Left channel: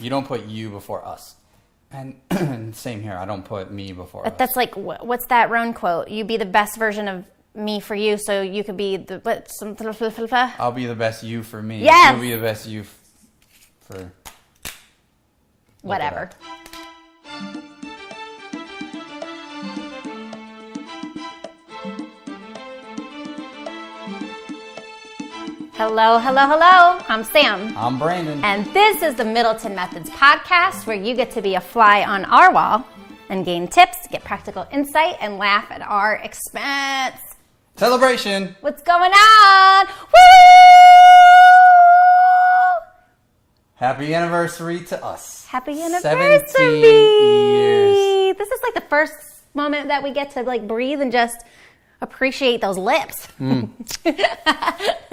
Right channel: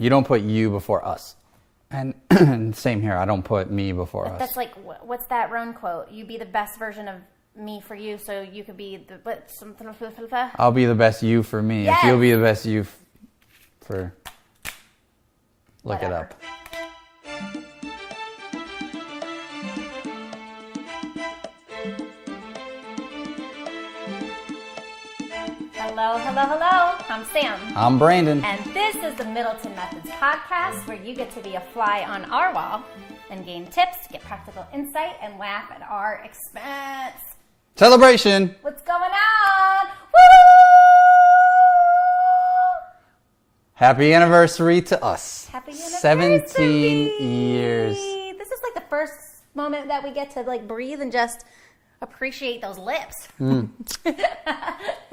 You don't put you before us. And same here. I don't put me before us. That's like, what's that Roan quote? You be the best version of me for you, so you could be the... I'll be the best you for me. Yes. You'll be the best you for... Whatever. Hello, hello, hello. I'm Sam. I'm Brandon. And this is the Middleton Methods podcast, where you get to be a fly on our wall and gain tips, get practical insight, and laugh at our expense. Celebration. What's going on? Woo! Happy anniversary to us. Happy anniversary. 17 years. This is like the first moment that we get to like breathe and just appreciate those lips.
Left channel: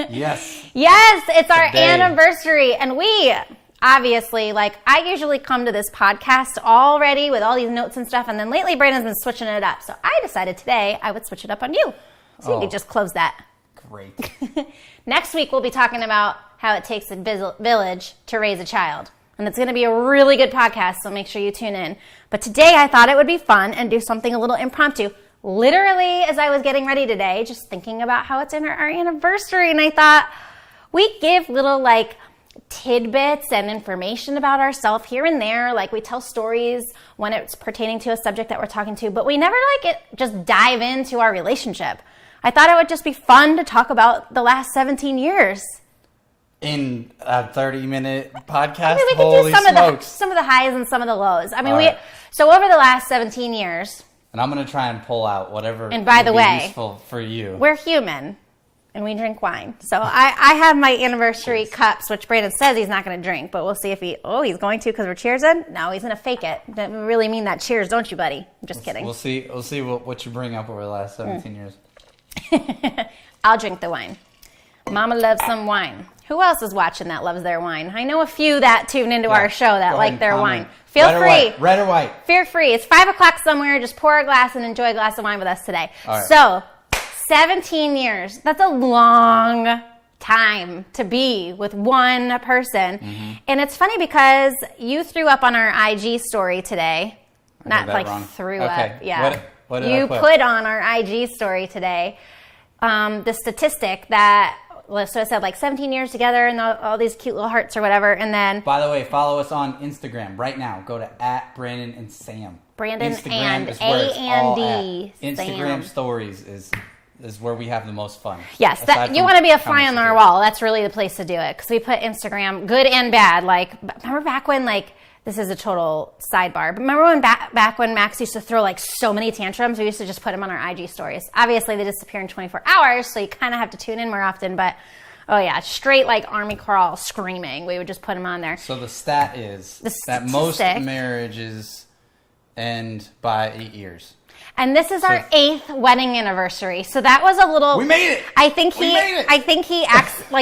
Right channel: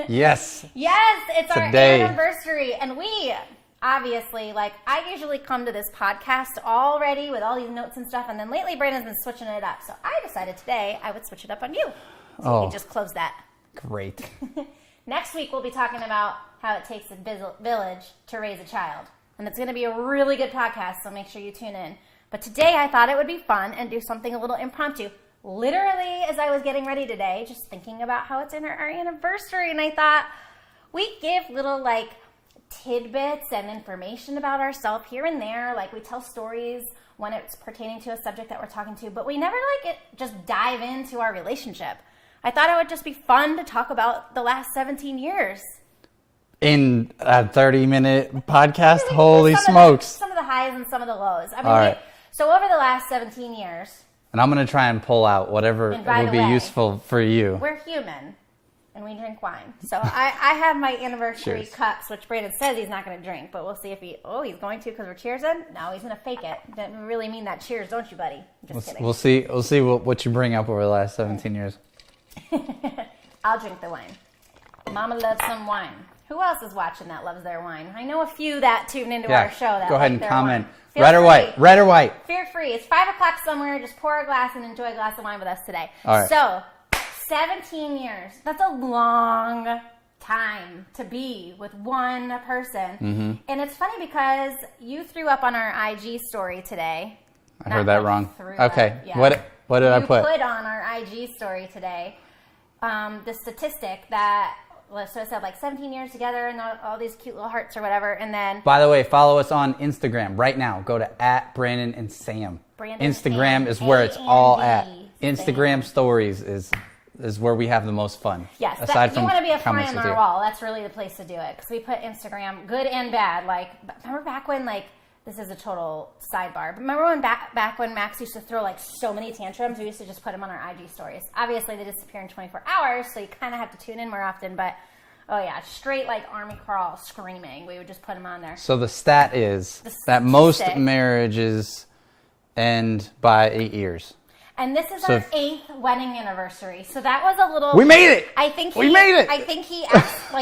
Yes. Yes, it's our Today. anniversary. And we obviously, like, I usually come to this podcast already with all these notes and stuff. And then lately, Brandon's been switching it up. So I decided today I would switch it up on you. So you could just close that. Great. Next week, we'll be talking about how it takes a village to raise a child. And it's going to be a really good podcast, so make sure you tune in. But today, I thought it would be fun and do something a little impromptu. Literally, as I was getting ready today, just thinking about how it's our anniversary, and I thought, we give little, like, tidbits and information about ourselves here and there. Like, we tell stories when it's pertaining to a subject that we're talking to, but we never, just dive into our relationship. I thought it would just be fun to talk about the last 17 years. In a 30-minute podcast? Maybe we could Holy do smokes. some of the highs and some of the lows. I mean, All right. So over the last 17 years... And I'm going to try and pull out whatever And by the would way, be useful for you. We're human, and we drink wine. So I have my anniversary cups, which Brandon says he's not going to drink, but we'll see if he's going to because we're cheersing. No, he's going to fake it. Don't really mean that cheers, don't you, buddy? I'm just kidding. We'll see what you bring up over the last 17 years. I'll drink the wine. Mama loves some wine. Who else is watching that loves their wine? I know a few that tune into our show that like their wine. Feel Red free. Or white? Red or white? Feel free. It's 5 o'clock somewhere. Just pour a glass and enjoy a glass of wine with us today. All right. So, 17 years. That's a long time to be with one person. Mm-hmm. And it's funny because you threw up on our IG story today. I heard that wrong. Threw okay. up. Yeah. What did I put? You put on our IG story today the statistic that... So it said 17 years together and all these cute little hearts or whatever. And then... By the way, follow us on Instagram right now. Go to @Brandon and Sam. Brandon Instagram and is where it's all at. Sam. Instagram stories is where we have the most fun. Yes, you want to be a fly on our wall. That's really the place to do it. Because we put Instagram, good and bad. Remember back when this is a total sidebar, but remember when back when Max used to throw so many tantrums? We used to just put them on our IG stories. Obviously, they disappear in 24 hours, so you kind of have to tune in more often. But oh yeah, straight army crawl screaming. We would just put them on there. So the stat is that most marriages end by 8 years. And this is our 8th wedding anniversary. So that was a little... We made it! I think he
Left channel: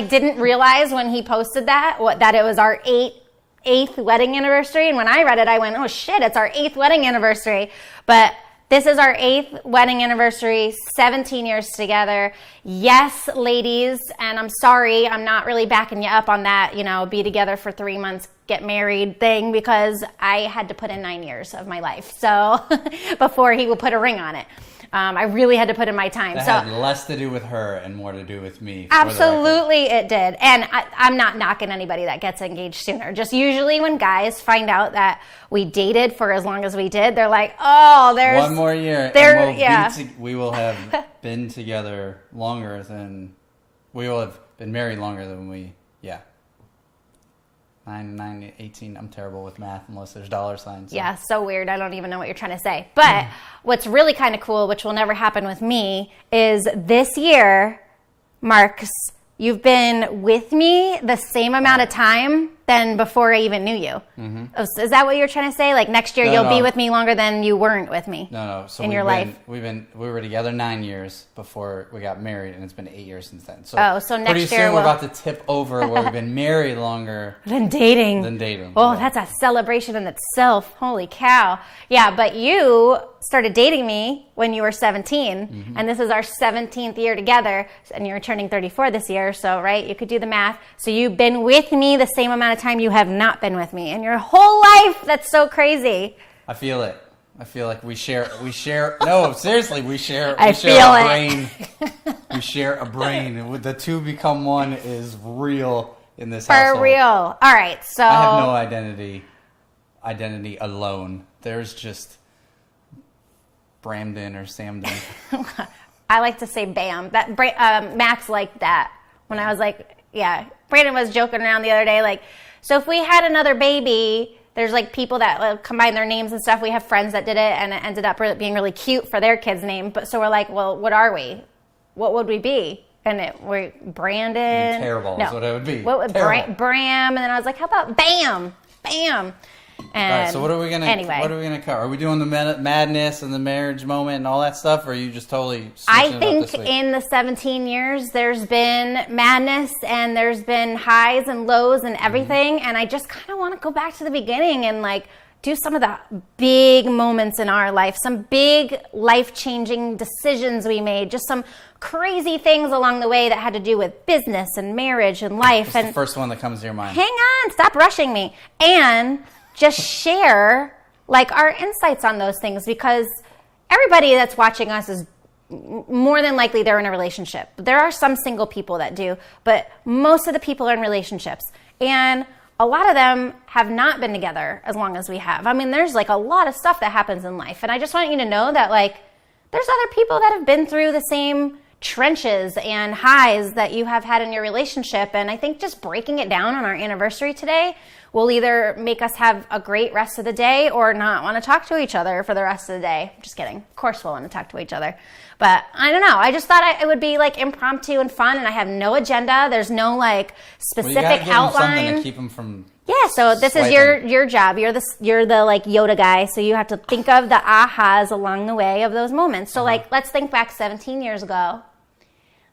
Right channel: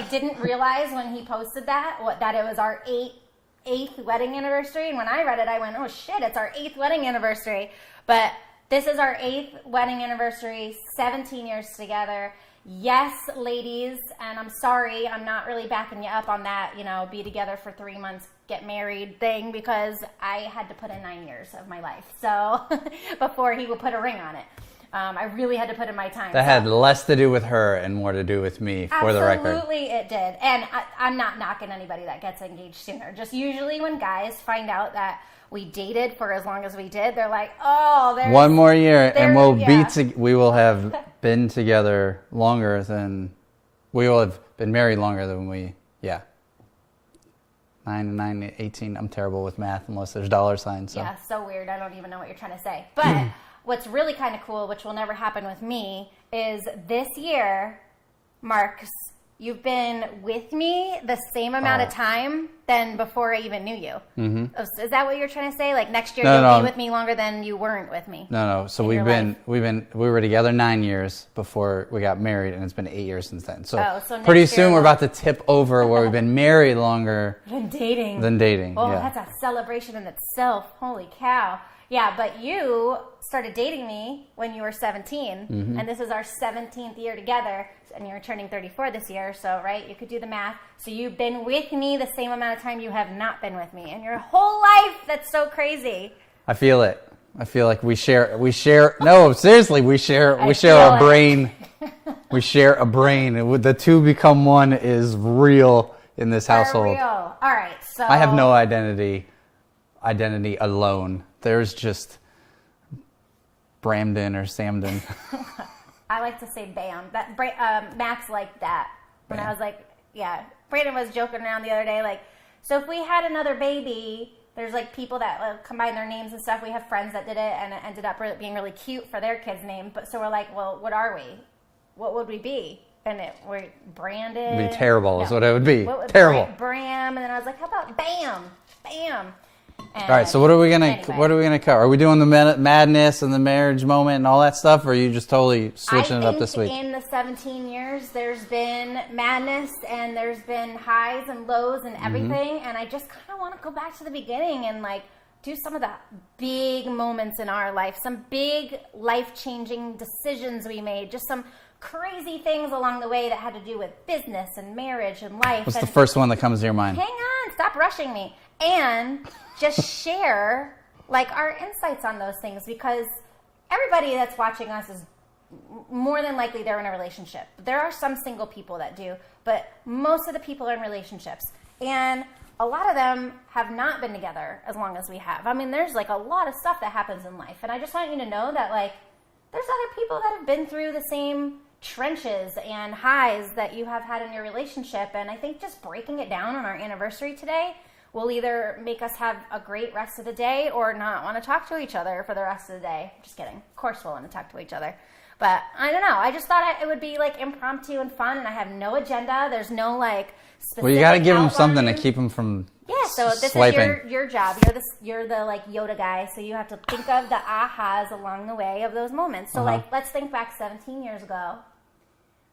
didn't realize when he posted that it was our 8th wedding anniversary. And when I read it, I went, oh shit, it's our 8th wedding anniversary. But this is our 8th wedding anniversary, 17 years together. Yes, ladies, and I'm sorry, I'm not really backing you up on that, be together for 3 months, get married thing, because I had to put in 9 years of my life. So before he would put a ring on it. I really had to put in my time. That had less to do with her and more to do with me. Absolutely, it did. And I'm not knocking anybody that gets engaged sooner. Just usually when guys find out that we dated for as long as we did, they're like, "Oh, there's one more year, and we will have been together longer than we will have been married longer than we." Yeah. 9, 18. I'm terrible with math unless there's dollar signs. So. Yeah, so weird. I don't even know what you're trying to say. But what's really kind of cool, which will never happen with me, is this year marks you've been with me the same amount of time than before I even knew you. Mm-hmm. Is that what you're trying to say? Next year you'll be with me longer than you weren't with me. No. So we were together 9 years before we got married, and it's been 8 years since then. So next pretty year soon we're about to tip over where we've been married longer than dating. Oh, yeah. That's a celebration in itself. Holy cow. Yeah, but you started dating me when you were 17, and this is our 17th year together, and you're turning 34 this year, so, right, you could do the math. So you've been with me the same amount of of time you have not been with me in your whole life. That's so crazy. I feel it. I feel like we share, no, seriously, we share a brain. We share a brain. The two become one is real in this household. For real. All right, so. I have no identity alone. There's just Bramden or Samden. I like to say Bam. That Max liked that when I was like, yeah. Brandon was joking around the other day, like, so if we had another baby, there's like people that combine their names and stuff. We have friends that did it, and it ended up being really cute for their kid's name. But so we're like, well, what are we? What would we be? And we're Brandon. It'd be terrible. Is what it would be. What would terrible. Bram? And then I was like, how about Bam? Bam. And all right, so what are we gonna cover? Are we doing the madness and the marriage moment and all that stuff, or are you just totally switching it up this week? I think in the 17 years, there's been madness and there's been highs and lows and everything, and I just kind of want to go back to the beginning and like do some of the big moments in our life, some big life-changing decisions we made, just some crazy things along the way that had to do with business and marriage and life. What's the first one that comes to your mind? Hang on, stop rushing me. And just share like our insights on those things, because everybody that's watching us is more than likely they're in a relationship. There are some single people that do, but most of the people are in relationships. And a lot of them have not been together as long as we have. I mean, there's like a lot of stuff that happens in life. And I just want you to know that like there's other people that have been through the same trenches and highs that you have had in your relationship. And I think just breaking it down on our anniversary today will either make us have a great rest of the day or not want to talk to each other for the rest of the day. Just kidding. Of course we'll want to talk to each other. But I don't know. I just thought it would be like impromptu and fun, and I have no agenda. There's no like specific outline. Well, you got to give them something to keep them from so this swiping. Is your job. You're the like Yoda guy, so you have to think of the ahas along the way of those moments. So like let's think back 17 years ago.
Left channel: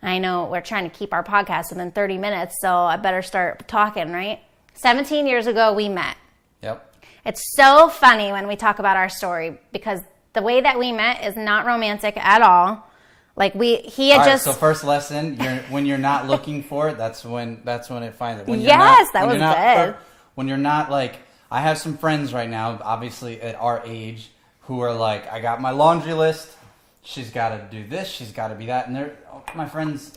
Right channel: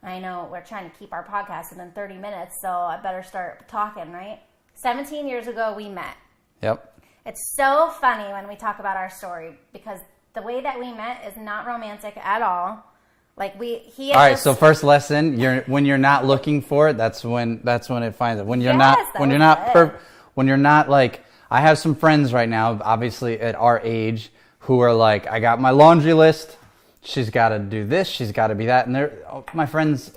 I know we're trying to keep our podcast within 30 minutes, so I better start talking, right? 17 years ago, we met. Yep. It's so funny when we talk about our story, because the way that we met is not romantic at all. Like So first lesson, when you're not looking for it, that's when it finds it. When you're when you're not like, I have some friends right now, obviously at our age, who are like, I got my laundry list. She's got to do this. She's got to be that. And a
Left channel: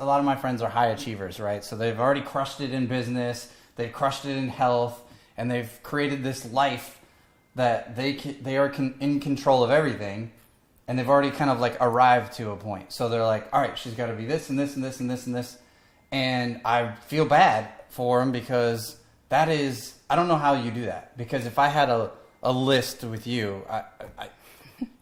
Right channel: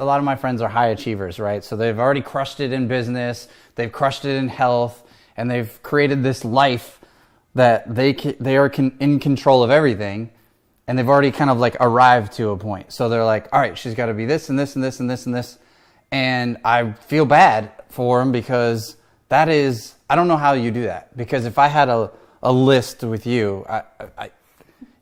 lot of my friends are high achievers, right? So they've already crushed it in business. They've crushed it in health, and they've created this life that they are in control of everything, and they've already kind of like arrived to a point. So they're like, all right, she's got to be this and this and this and this and this. And I feel bad for them, because I don't know how you do that. Because if I had a list with you,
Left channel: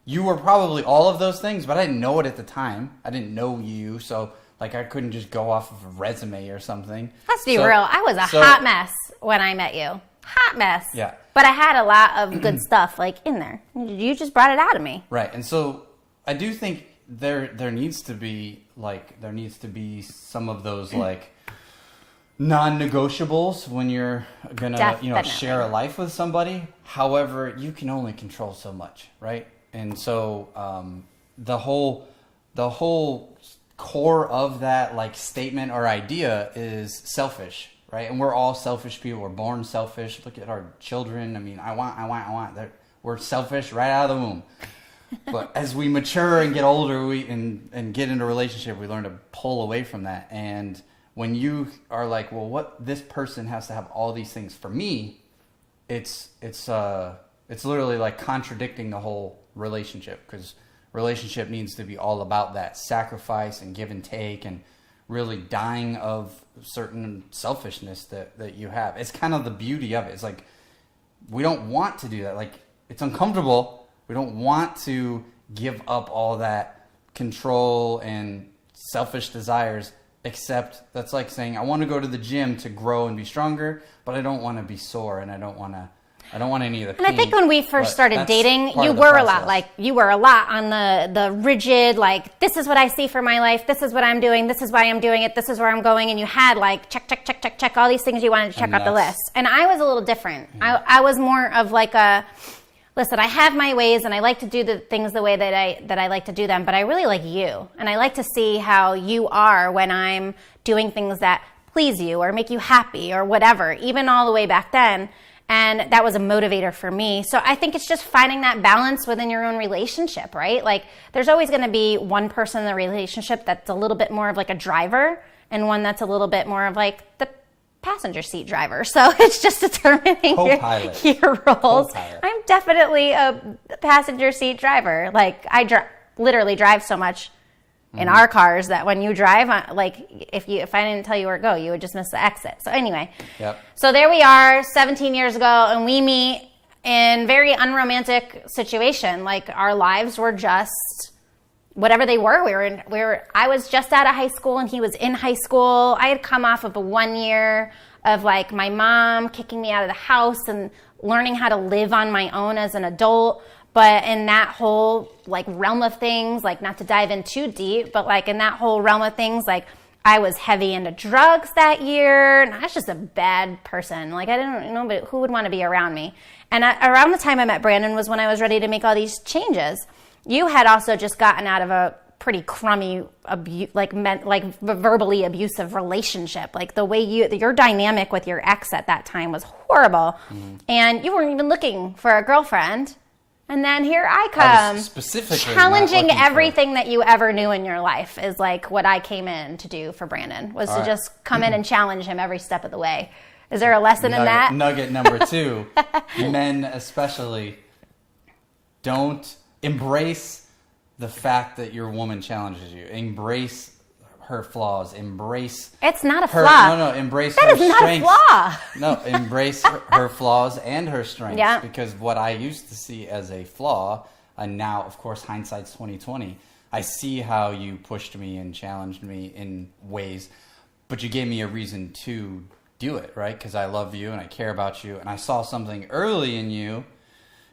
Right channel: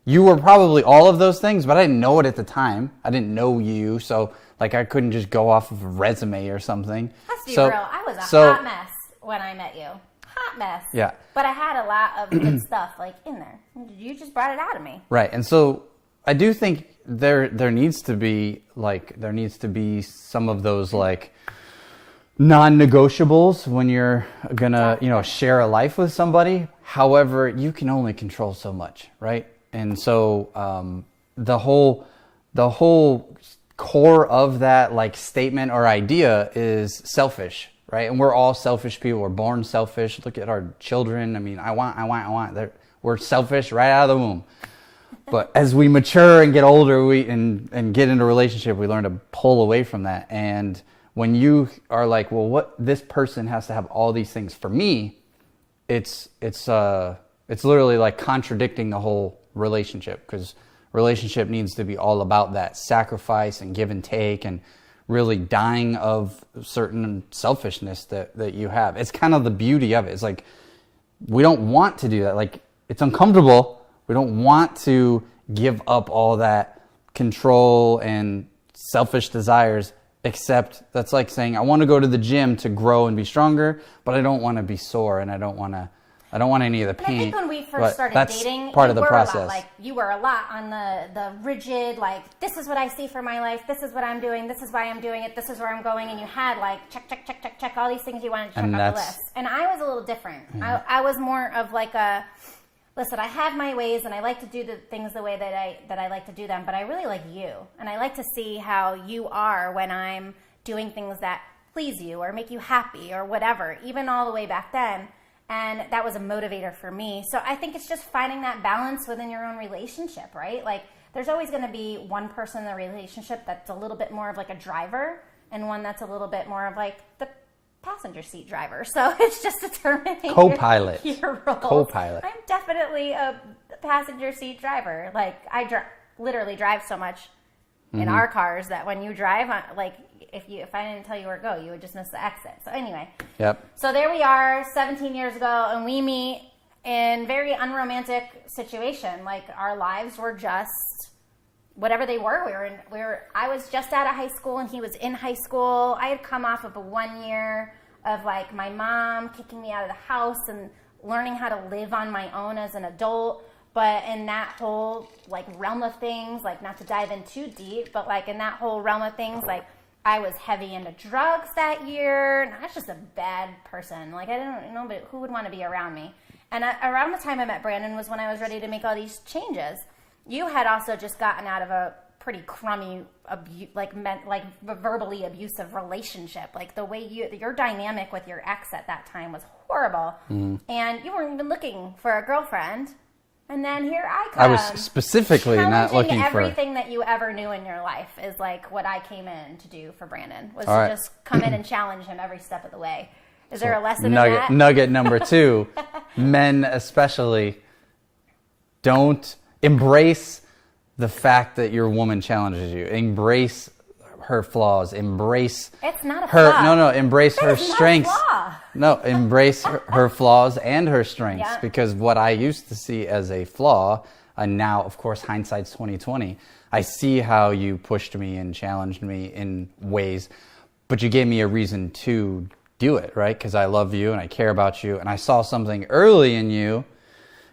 you were probably all of those things, but I didn't know it at the time. I didn't know you, so like I couldn't just go off of a resume or something. Let's be real. I was a hot mess when I met you. Hot mess. Yeah. But I had a lot of good stuff like in there. You just brought it out of me. Right. And so I do think there needs to be some of those like non-negotiables when you're gonna share a life with somebody. However, you can only control so much, right? And so the whole core of that like statement or idea is selfish, right? And we're all selfish people. We're born selfish. Look at our children. I mean, I want. We're selfish right out of the womb. But as we mature and get older, and get into a relationship, we learn to pull away from that. And when you are like, well, what this person has to have all these things for me, it's literally like contradicting the whole relationship, because relationship needs to be all about that sacrifice and give and take, and really dying of certain selfishness that you have. It's kind of the beauty of it. It's like, we don't want to do that. Like, it's uncomfortable. We don't want to give up all that control and selfish desires, except that's like saying, I want to go to the gym to grow and be stronger, but I don't want to be sore, and I don't want any of the pain. And I think when we first started dating, you were a lot on the rigid, like, this is what I see for my life, this is what I'm doing, this is why I'm doing it, this is where I'm going, and you had like check all these things you wanted to check off the list. And I was a little different. Mm-hmm. I was more of like listen, I have my ways, and I like to do the things the way that I like to do them, but I really like you, and I like to see how you are when I'm doing things that please you or make you happy or whatever, even all the way back then. And that was a motivator for me. So I think it's just finding that balance within your own relationship, right? Like there's always going to be one person in the relationship that's a little bit more of like a driver and one that's a little bit more of like the passenger seat driver. So it's just determining your roles. Co-pilot. I'm definitely a passenger seat driver. Like I literally drive so much in our cars that when you drive, like if I didn't tell you where to go, you would just miss the exit. So anyway, So there we are 17 years ago, and we meet in very unromantic situation. Like our lives were just whatever they were. I was just out of high school and he was in high school. I had come off of a 1 year of like my mom kicking me out of the house and learning how to live on my own as an adult. But in that whole like realm of things, like not to dive in too deep, but like in that whole realm of things, like I was heavy into drugs that year, and I was just a bad person. Like I didn't know, but who would want to be around me? And around the time I met Brandon was when I was ready to make all these changes. You had also just gotten out of a pretty crummy, verbally abusive relationship. Like the way your dynamic with your ex at that time was horrible, and you weren't even looking for a girlfriend. And then here I come, I was specifically challenging everything that you ever knew in your life is like what I came in to do for Brandon, was to just come in and challenge him every step of the way. Is there a lesson in that? Nugget number 2, men especially, don't embrace the fact that your woman challenges you. Embrace her flaws. Embrace It's not a her flaw. No, embrace That her is not a strengths. flaw. No, embrace her flaws and her strengths. Yeah. Because what I used to see as a flaw, and now of course hindsight's 2020, I see how you pushed me and challenged me in ways, but you gave me a reason to do it, right? Because I love you and I care about you, and I saw something early in you,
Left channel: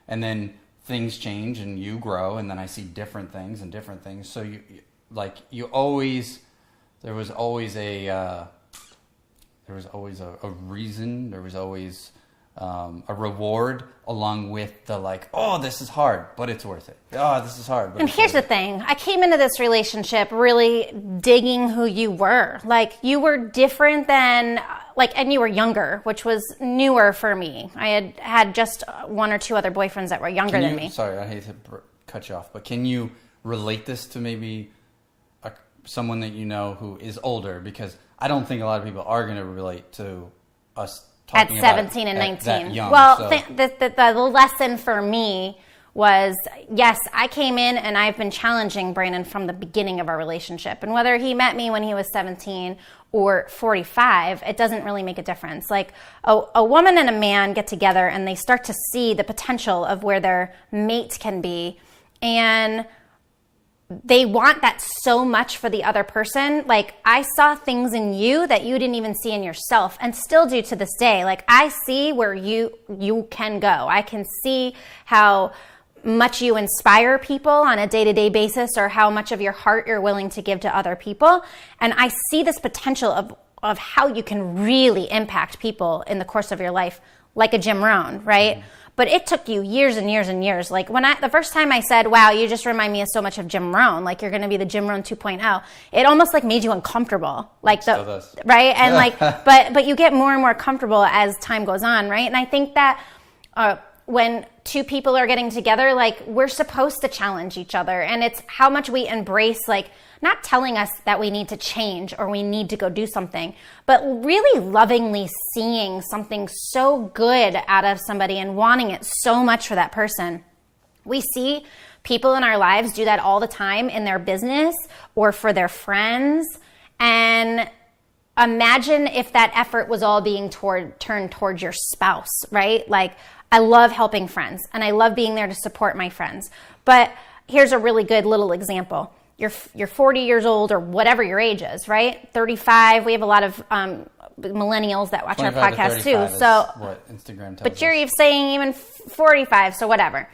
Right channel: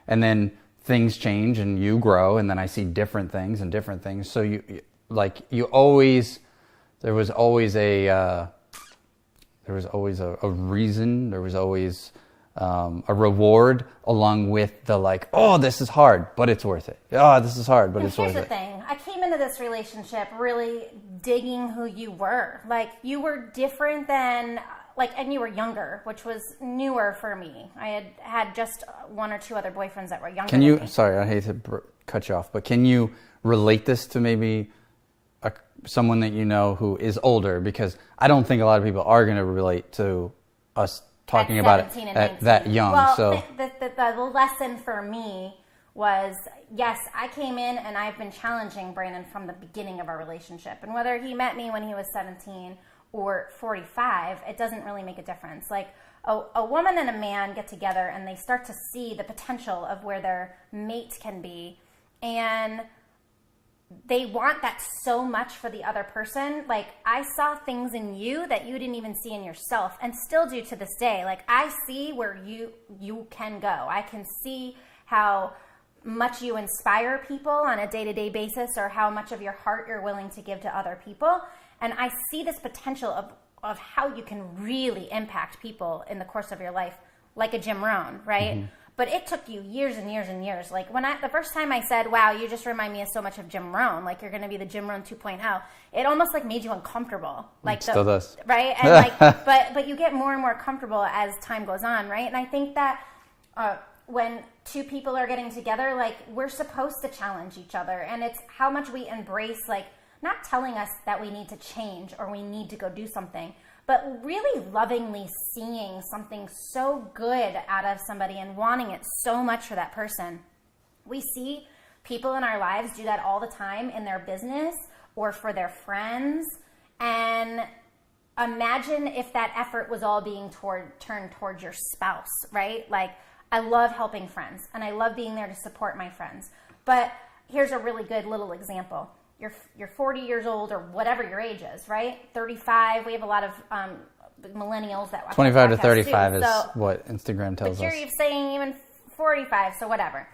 and then things change and you grow, and then I see different things. So there was always a reason. There was always a reward along with the like, oh, this is hard, but it's worth it. Oh, this is hard, but and it's worth it. here's the thing. I came into this relationship really digging who you were. Like you were different than and you were younger, which was newer for me. I had just 1 or 2 other boyfriends that were younger than me. Sorry, I hate to cut you off, but can you relate this to maybe someone that you know who is older? Because I don't think a lot of people are going to relate to us talking about 17 and 19. that young. Well, so. the lesson for me was, yes, I came in and I've been challenging Brandon from the beginning of our relationship. And whether he met me when he was 17 or 45, it doesn't really make a difference. Like a woman and a man get together and they start to see the potential of where their mate can be. And they want that so much for the other person. Like I saw things in you that you didn't even see in yourself, and still do to this day. Like I see where you can go. I can see how much you inspire people on a day-to-day basis, or how much of your heart you're willing to give to other people. And I see this potential of how you can really impact people in the course of your life, like a Jim Rohn, right? Mm-hmm. But it took you years and years and years. Like the first time I said, wow, you just remind me of so much of Jim Rohn, like you're going to be the Jim Rohn 2.0, it almost like made you uncomfortable. Like still does. Right? And but you get more and more comfortable as time goes on, right? And I think that when 2 people are getting together, like we're supposed to challenge each other. And it's how much we embrace, like not telling us that we need to change or we need to go do something, but really lovingly seeing something so good out of somebody and wanting it so much for that person. We see people in our lives do that all the time in their business or for their friends. And imagine if that effort was all being turned towards your spouse, right? Like I love helping friends and I love being there to support my friends. But here's a really good little example. You're 40 years old or whatever your age is, right? 35. We have a lot of millennials that watch our podcast too. So what Instagram tells us. But you're saying even 45, so whatever.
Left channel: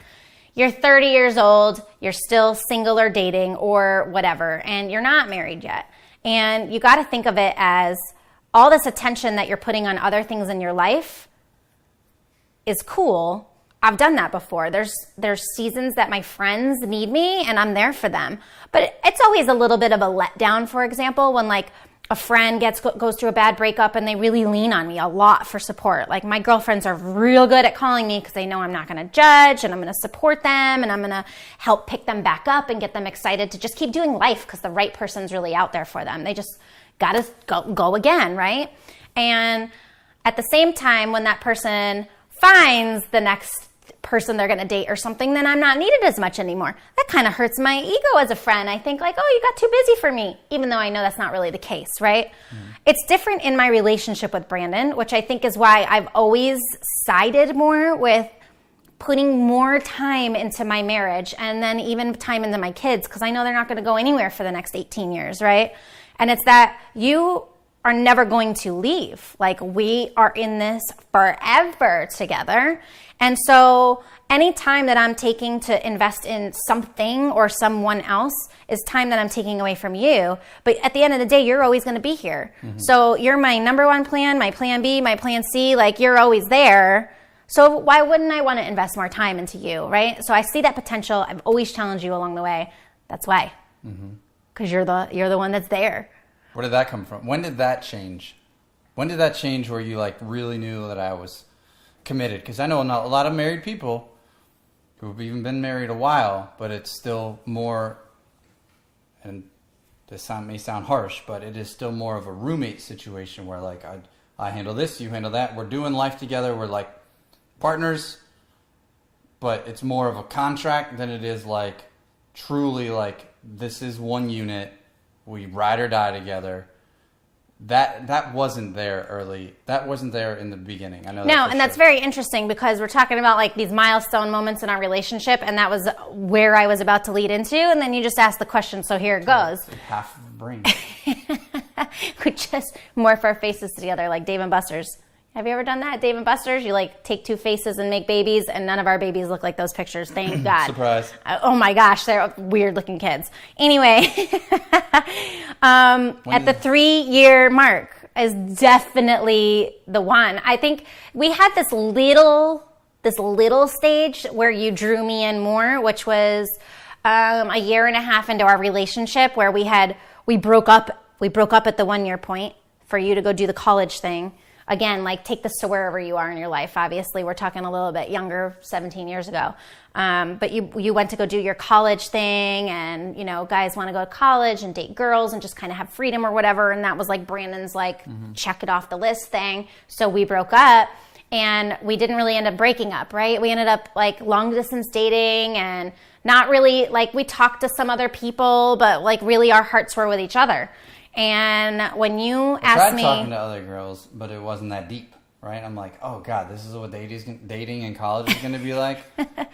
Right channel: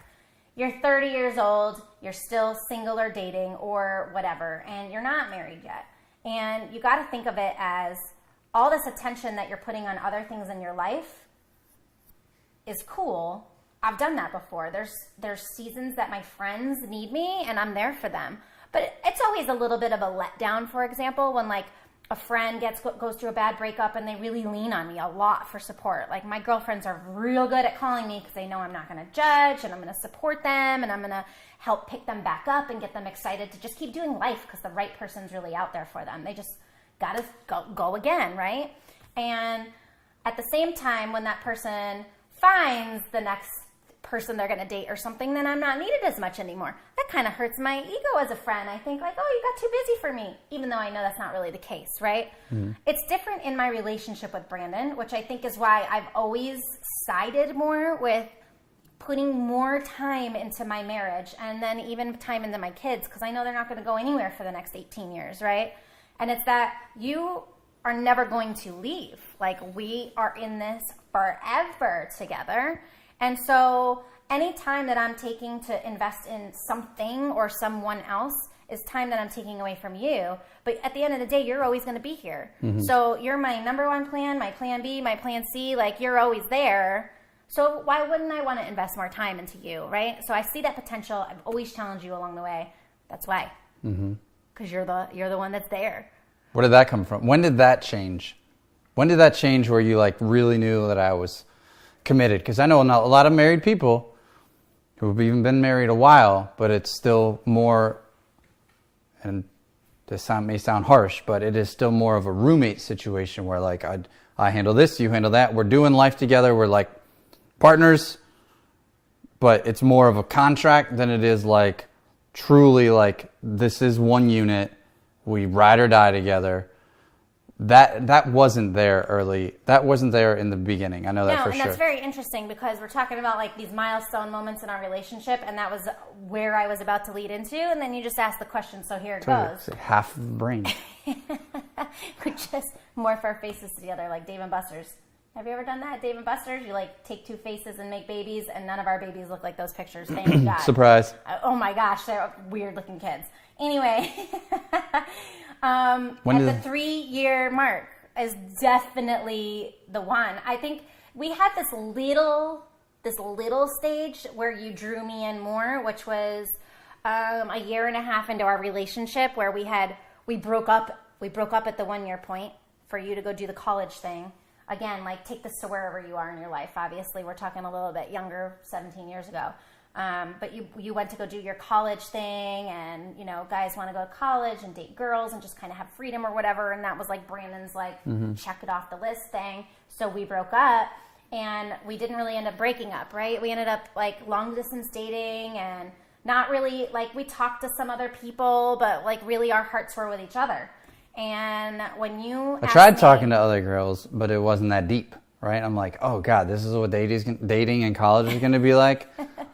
You're 30 years old, you're still single or dating or whatever, and you're not married yet. And you got to think of it as all this attention that you're putting on other things in your life is cool. I've done that before. There's seasons that my friends need me and I'm there for them. But it's always a little bit of a letdown, for example, when like a friend goes through a bad breakup and they really lean on me a lot for support. Like my girlfriends are real good at calling me because they know I'm not going to judge and I'm going to support them and I'm going to help pick them back up and get them excited to just keep doing life because the right person's really out there for them. They just got to go again, right? And at the same time, when that person finds the next person they're going to date or something, then I'm not needed as much anymore. That kind of hurts my ego as a friend. I think like, oh, you got too busy for me, even though I know that's not really the case, right? It's different in my relationship with Brandon, which I think is why I've always sided more with putting more time into my marriage and then even time into my kids, because I know they're not going to go anywhere for the next 18 years, right? And it's that you are never going to leave. Like we are in this forever together. And so any time that I'm taking to invest in something or someone else is time that I'm taking away from you. But at the end of the day, you're always going to be here. So you're my number one plan, my plan B, my plan C, like you're always there. So why wouldn't I want to invest more time into you, right? So I see that potential. I've always challenged you along the way. That's why. Because you're the one that's there. Where did that come from? When did that change? When did that change where you like really knew that I was committed? Because I know a lot of married people who have even been married a while, but it's still more, and this may sound harsh, but it is still more of a roommate situation where like I handle this, you handle that. We're doing life together. We're like partners, but it's more of a contract than it is like truly like this is one unit. We ride or die together. That wasn't there early. That wasn't there in the beginning. I know that. No, and that's very interesting because we're talking about like these milestone moments in our relationship, and that was where I was about to lead into. And then you just asked the question, so here it goes. Half the brain. We just morph our faces together like Dave and Buster's. Have you ever done that, Dave and Buster's? You like take two faces and make babies, and none of our babies look like those pictures. Thank God. Surprise. Oh my gosh, they're weird looking kids. Anyway, at the 3-year mark is definitely the one. I think we had this little stage where you drew me in more, which was a year and a half into our relationship where we broke up at the 1 year point for you to go do the college thing. Again, like take this to wherever you are in your life. Obviously, we're talking a little bit younger, 17 years ago. But you went to go do your college thing, and you know, guys want to go to college and date girls and just kind of have freedom or whatever. And that was like Brandon's like check it off the list thing. So we broke up, and we didn't really end up breaking up, right? We ended up like long distance dating, and not really like we talked to some other people, but like really our hearts were with each other. And when you asked me... I tried talking to other girls, but it wasn't that deep, right? I'm like, oh God, this is what dating in college is going to be like.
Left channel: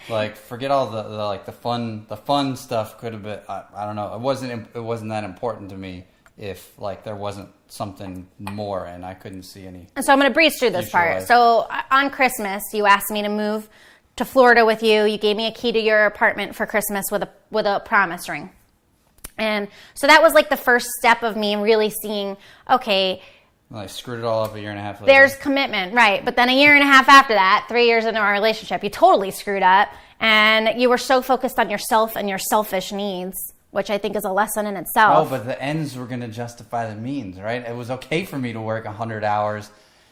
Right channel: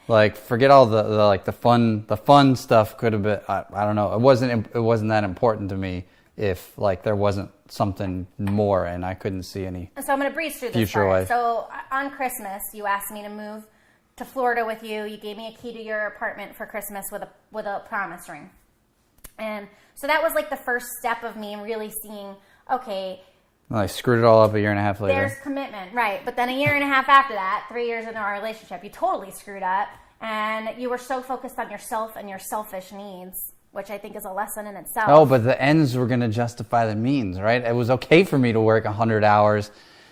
Like, forget all the fun stuff could have been, I don't know. It wasn't that important to me if like there wasn't something more and I couldn't see any. And so I'm going to breeze through this part. Life. So on Christmas, you asked me to move to Florida with you. You gave me a key to your apartment for Christmas with a promise ring. And so that was like the first step of me really seeing, okay. Well, I screwed it all up a year and a half later. There's commitment, right. But then a year and a half after that, 3 years into our relationship, you totally screwed up. And you were so focused on yourself and your selfish needs, which I think is a lesson in itself. Oh, but the ends were going to justify the means, right? It was okay for me to work 100 hours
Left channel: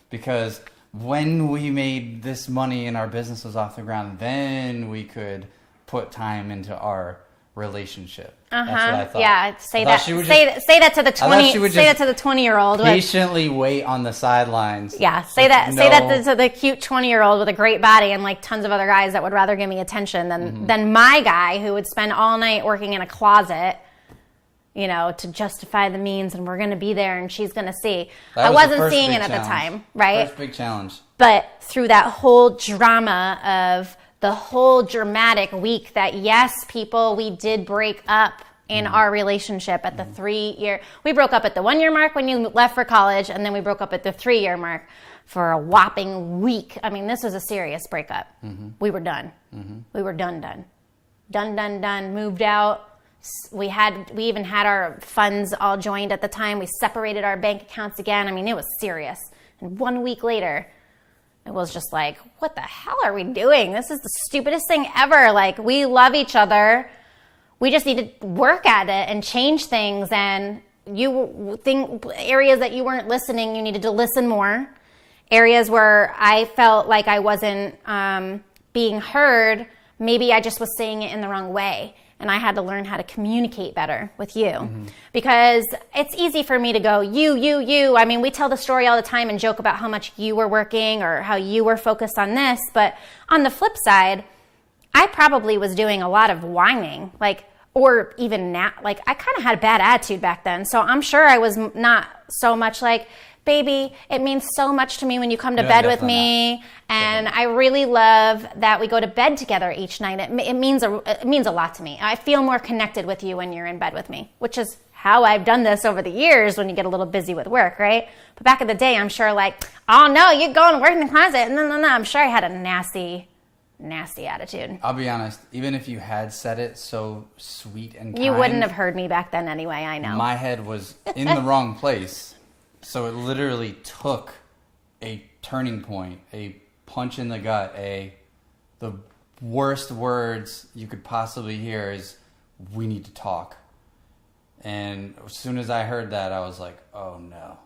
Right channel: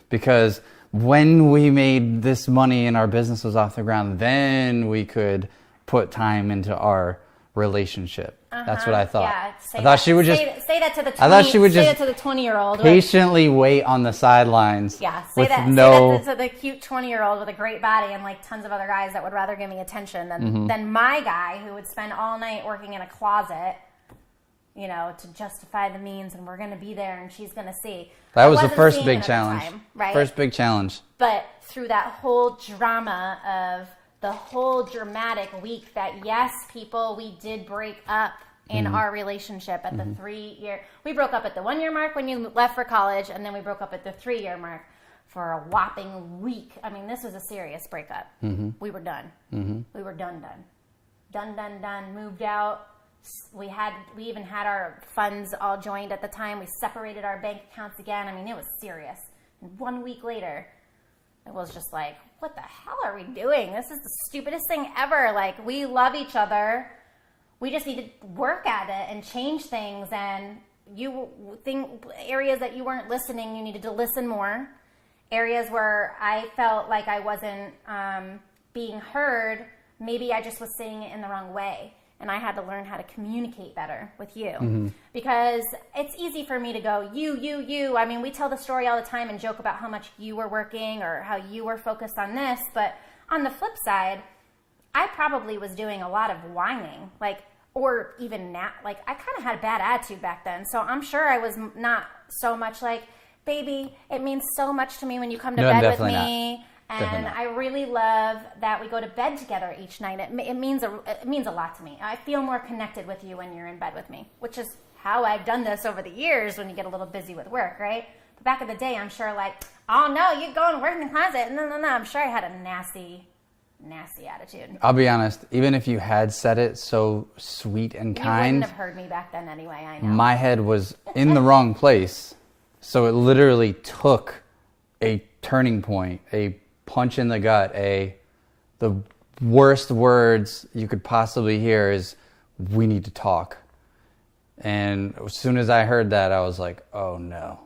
because when we made this money and our business was off the ground, then we could put time into our relationship. That's what I thought. Yeah, say that to the 20-year-old. Patiently wait on the sidelines. Yeah, say that to the cute 20-year-old with a great body and like tons of other guys that would rather give me attention than my guy who would spend all night working in a closet, you know, to justify the means, and we're going to be there and she's going to see. I wasn't seeing it at the time, right? First big challenge. But through that whole drama of the whole dramatic week that yes, people, we did break up in our relationship at the 3-year. We broke up at the 1 year mark when you left for college, and then we broke up at the 3 year mark for a whopping week. I mean, this was a serious breakup. We were done. We were done. Moved out. We even had our funds all joined at the time. We separated our bank accounts again. I mean, it was serious. And 1 week later, it was just like, what the hell are we doing? This is the stupidest thing ever. Like, we love each other. We just need to work at it and change things. And you think areas that you weren't listening, you needed to listen more. Areas where I felt like I wasn't being heard, maybe I just was saying it in the wrong way. And I had to learn how to communicate better with you. Because it's easy for me to go, you. I mean, we tell the story all the time and joke about how much you were working or how you were focused on this. But on the flip side, I probably was doing a lot of whining, or even I kind of had a bad attitude back then. So I'm sure I was not so much like, baby, it means so much to me when you come to bed with me. And I really love that we go to bed together each night. It means a lot to me. I feel more connected with you when you're in bed with me, which is how I've done this over the years when you get a little busy with work, right? But back in the day, I'm sure oh no, you're going to work in the closet. No. I'm sure I had a nasty attitude. I'll be honest, even if you had said it so sweet and kind, you wouldn't have heard me back then anyway, I know. My head was in the wrong place. So it literally took a turning point, a punch in the gut, the worst words you could possibly hear is, we need to talk. And as soon as I heard that, I was like, oh no.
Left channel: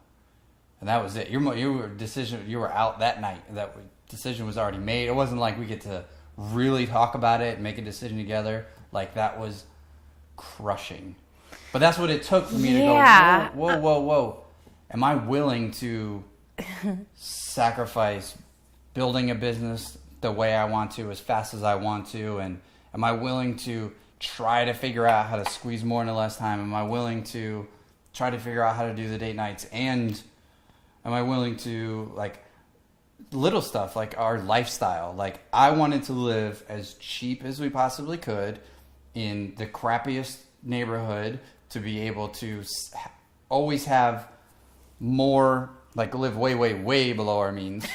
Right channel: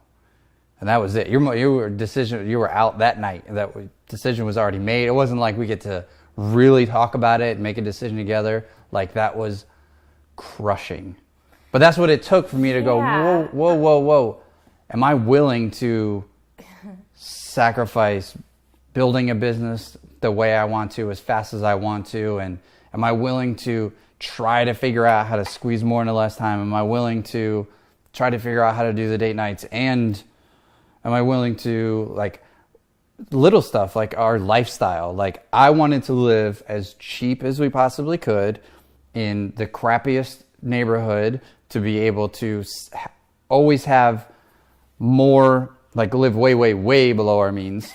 And that was it. You were out that night. That decision was already made. It wasn't like we get to really talk about it and make a decision together. That was crushing. But that's what it took for me to go, whoa. Am I willing to sacrifice building a business the way I want to, as fast as I want to? And am I willing to try to figure out how to squeeze more into less time? Am I willing to try to figure out how to do the date nights? And am I willing to, little stuff like our lifestyle? I wanted to live as cheap as we possibly could in the crappiest neighborhood to be able to always have more, live way, way, way below our means.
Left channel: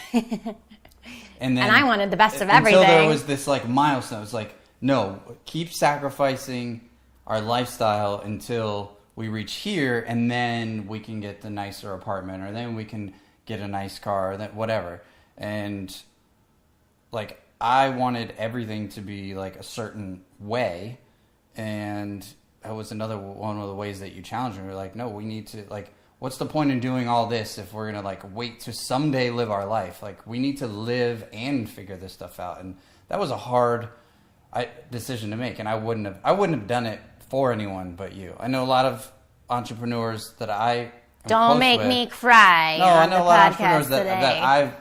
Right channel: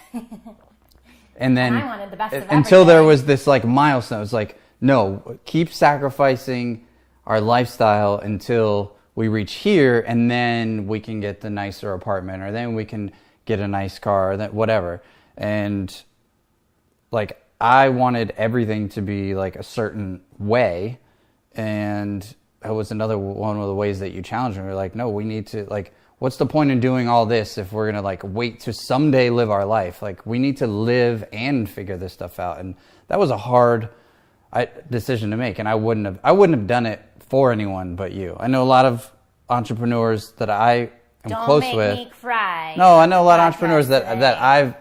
And then I wanted the best of everything. Until there was this milestone. It's no, keep sacrificing our lifestyle until we reach here, and then we can get the nicer apartment, or then we can get a nice car, or whatever. And I wanted everything to be a certain way, and that was another one of the ways that you challenged me. We're no, we need to what's the point in doing all this if we're gonna wait to someday live our life? We need to live and figure this stuff out. And that was a hard decision to make, and I wouldn't have done it for anyone but you. I know a lot of entrepreneurs that I am Don't close with. make me cry. No, I know a lot of entrepreneurs today.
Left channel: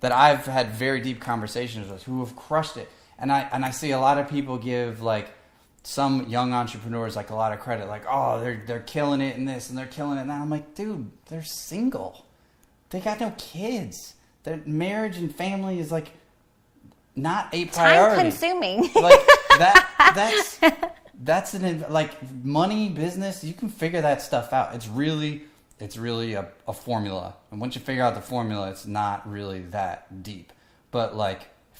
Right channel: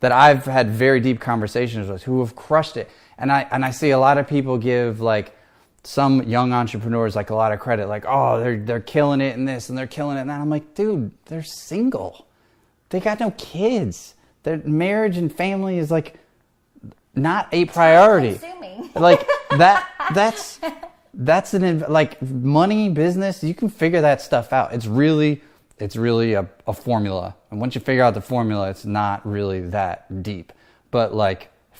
that I've had very deep conversations with who have crushed it, and I see a lot of people give some young entrepreneurs a lot of credit, oh, they're killing it in this and they're killing it in that. I'm dude, they're single, they got no kids, their marriage and family is not a priority. Time-consuming. That's money, business. You can figure that stuff out. It's really a formula, and once you figure out the formula, it's not really that deep. But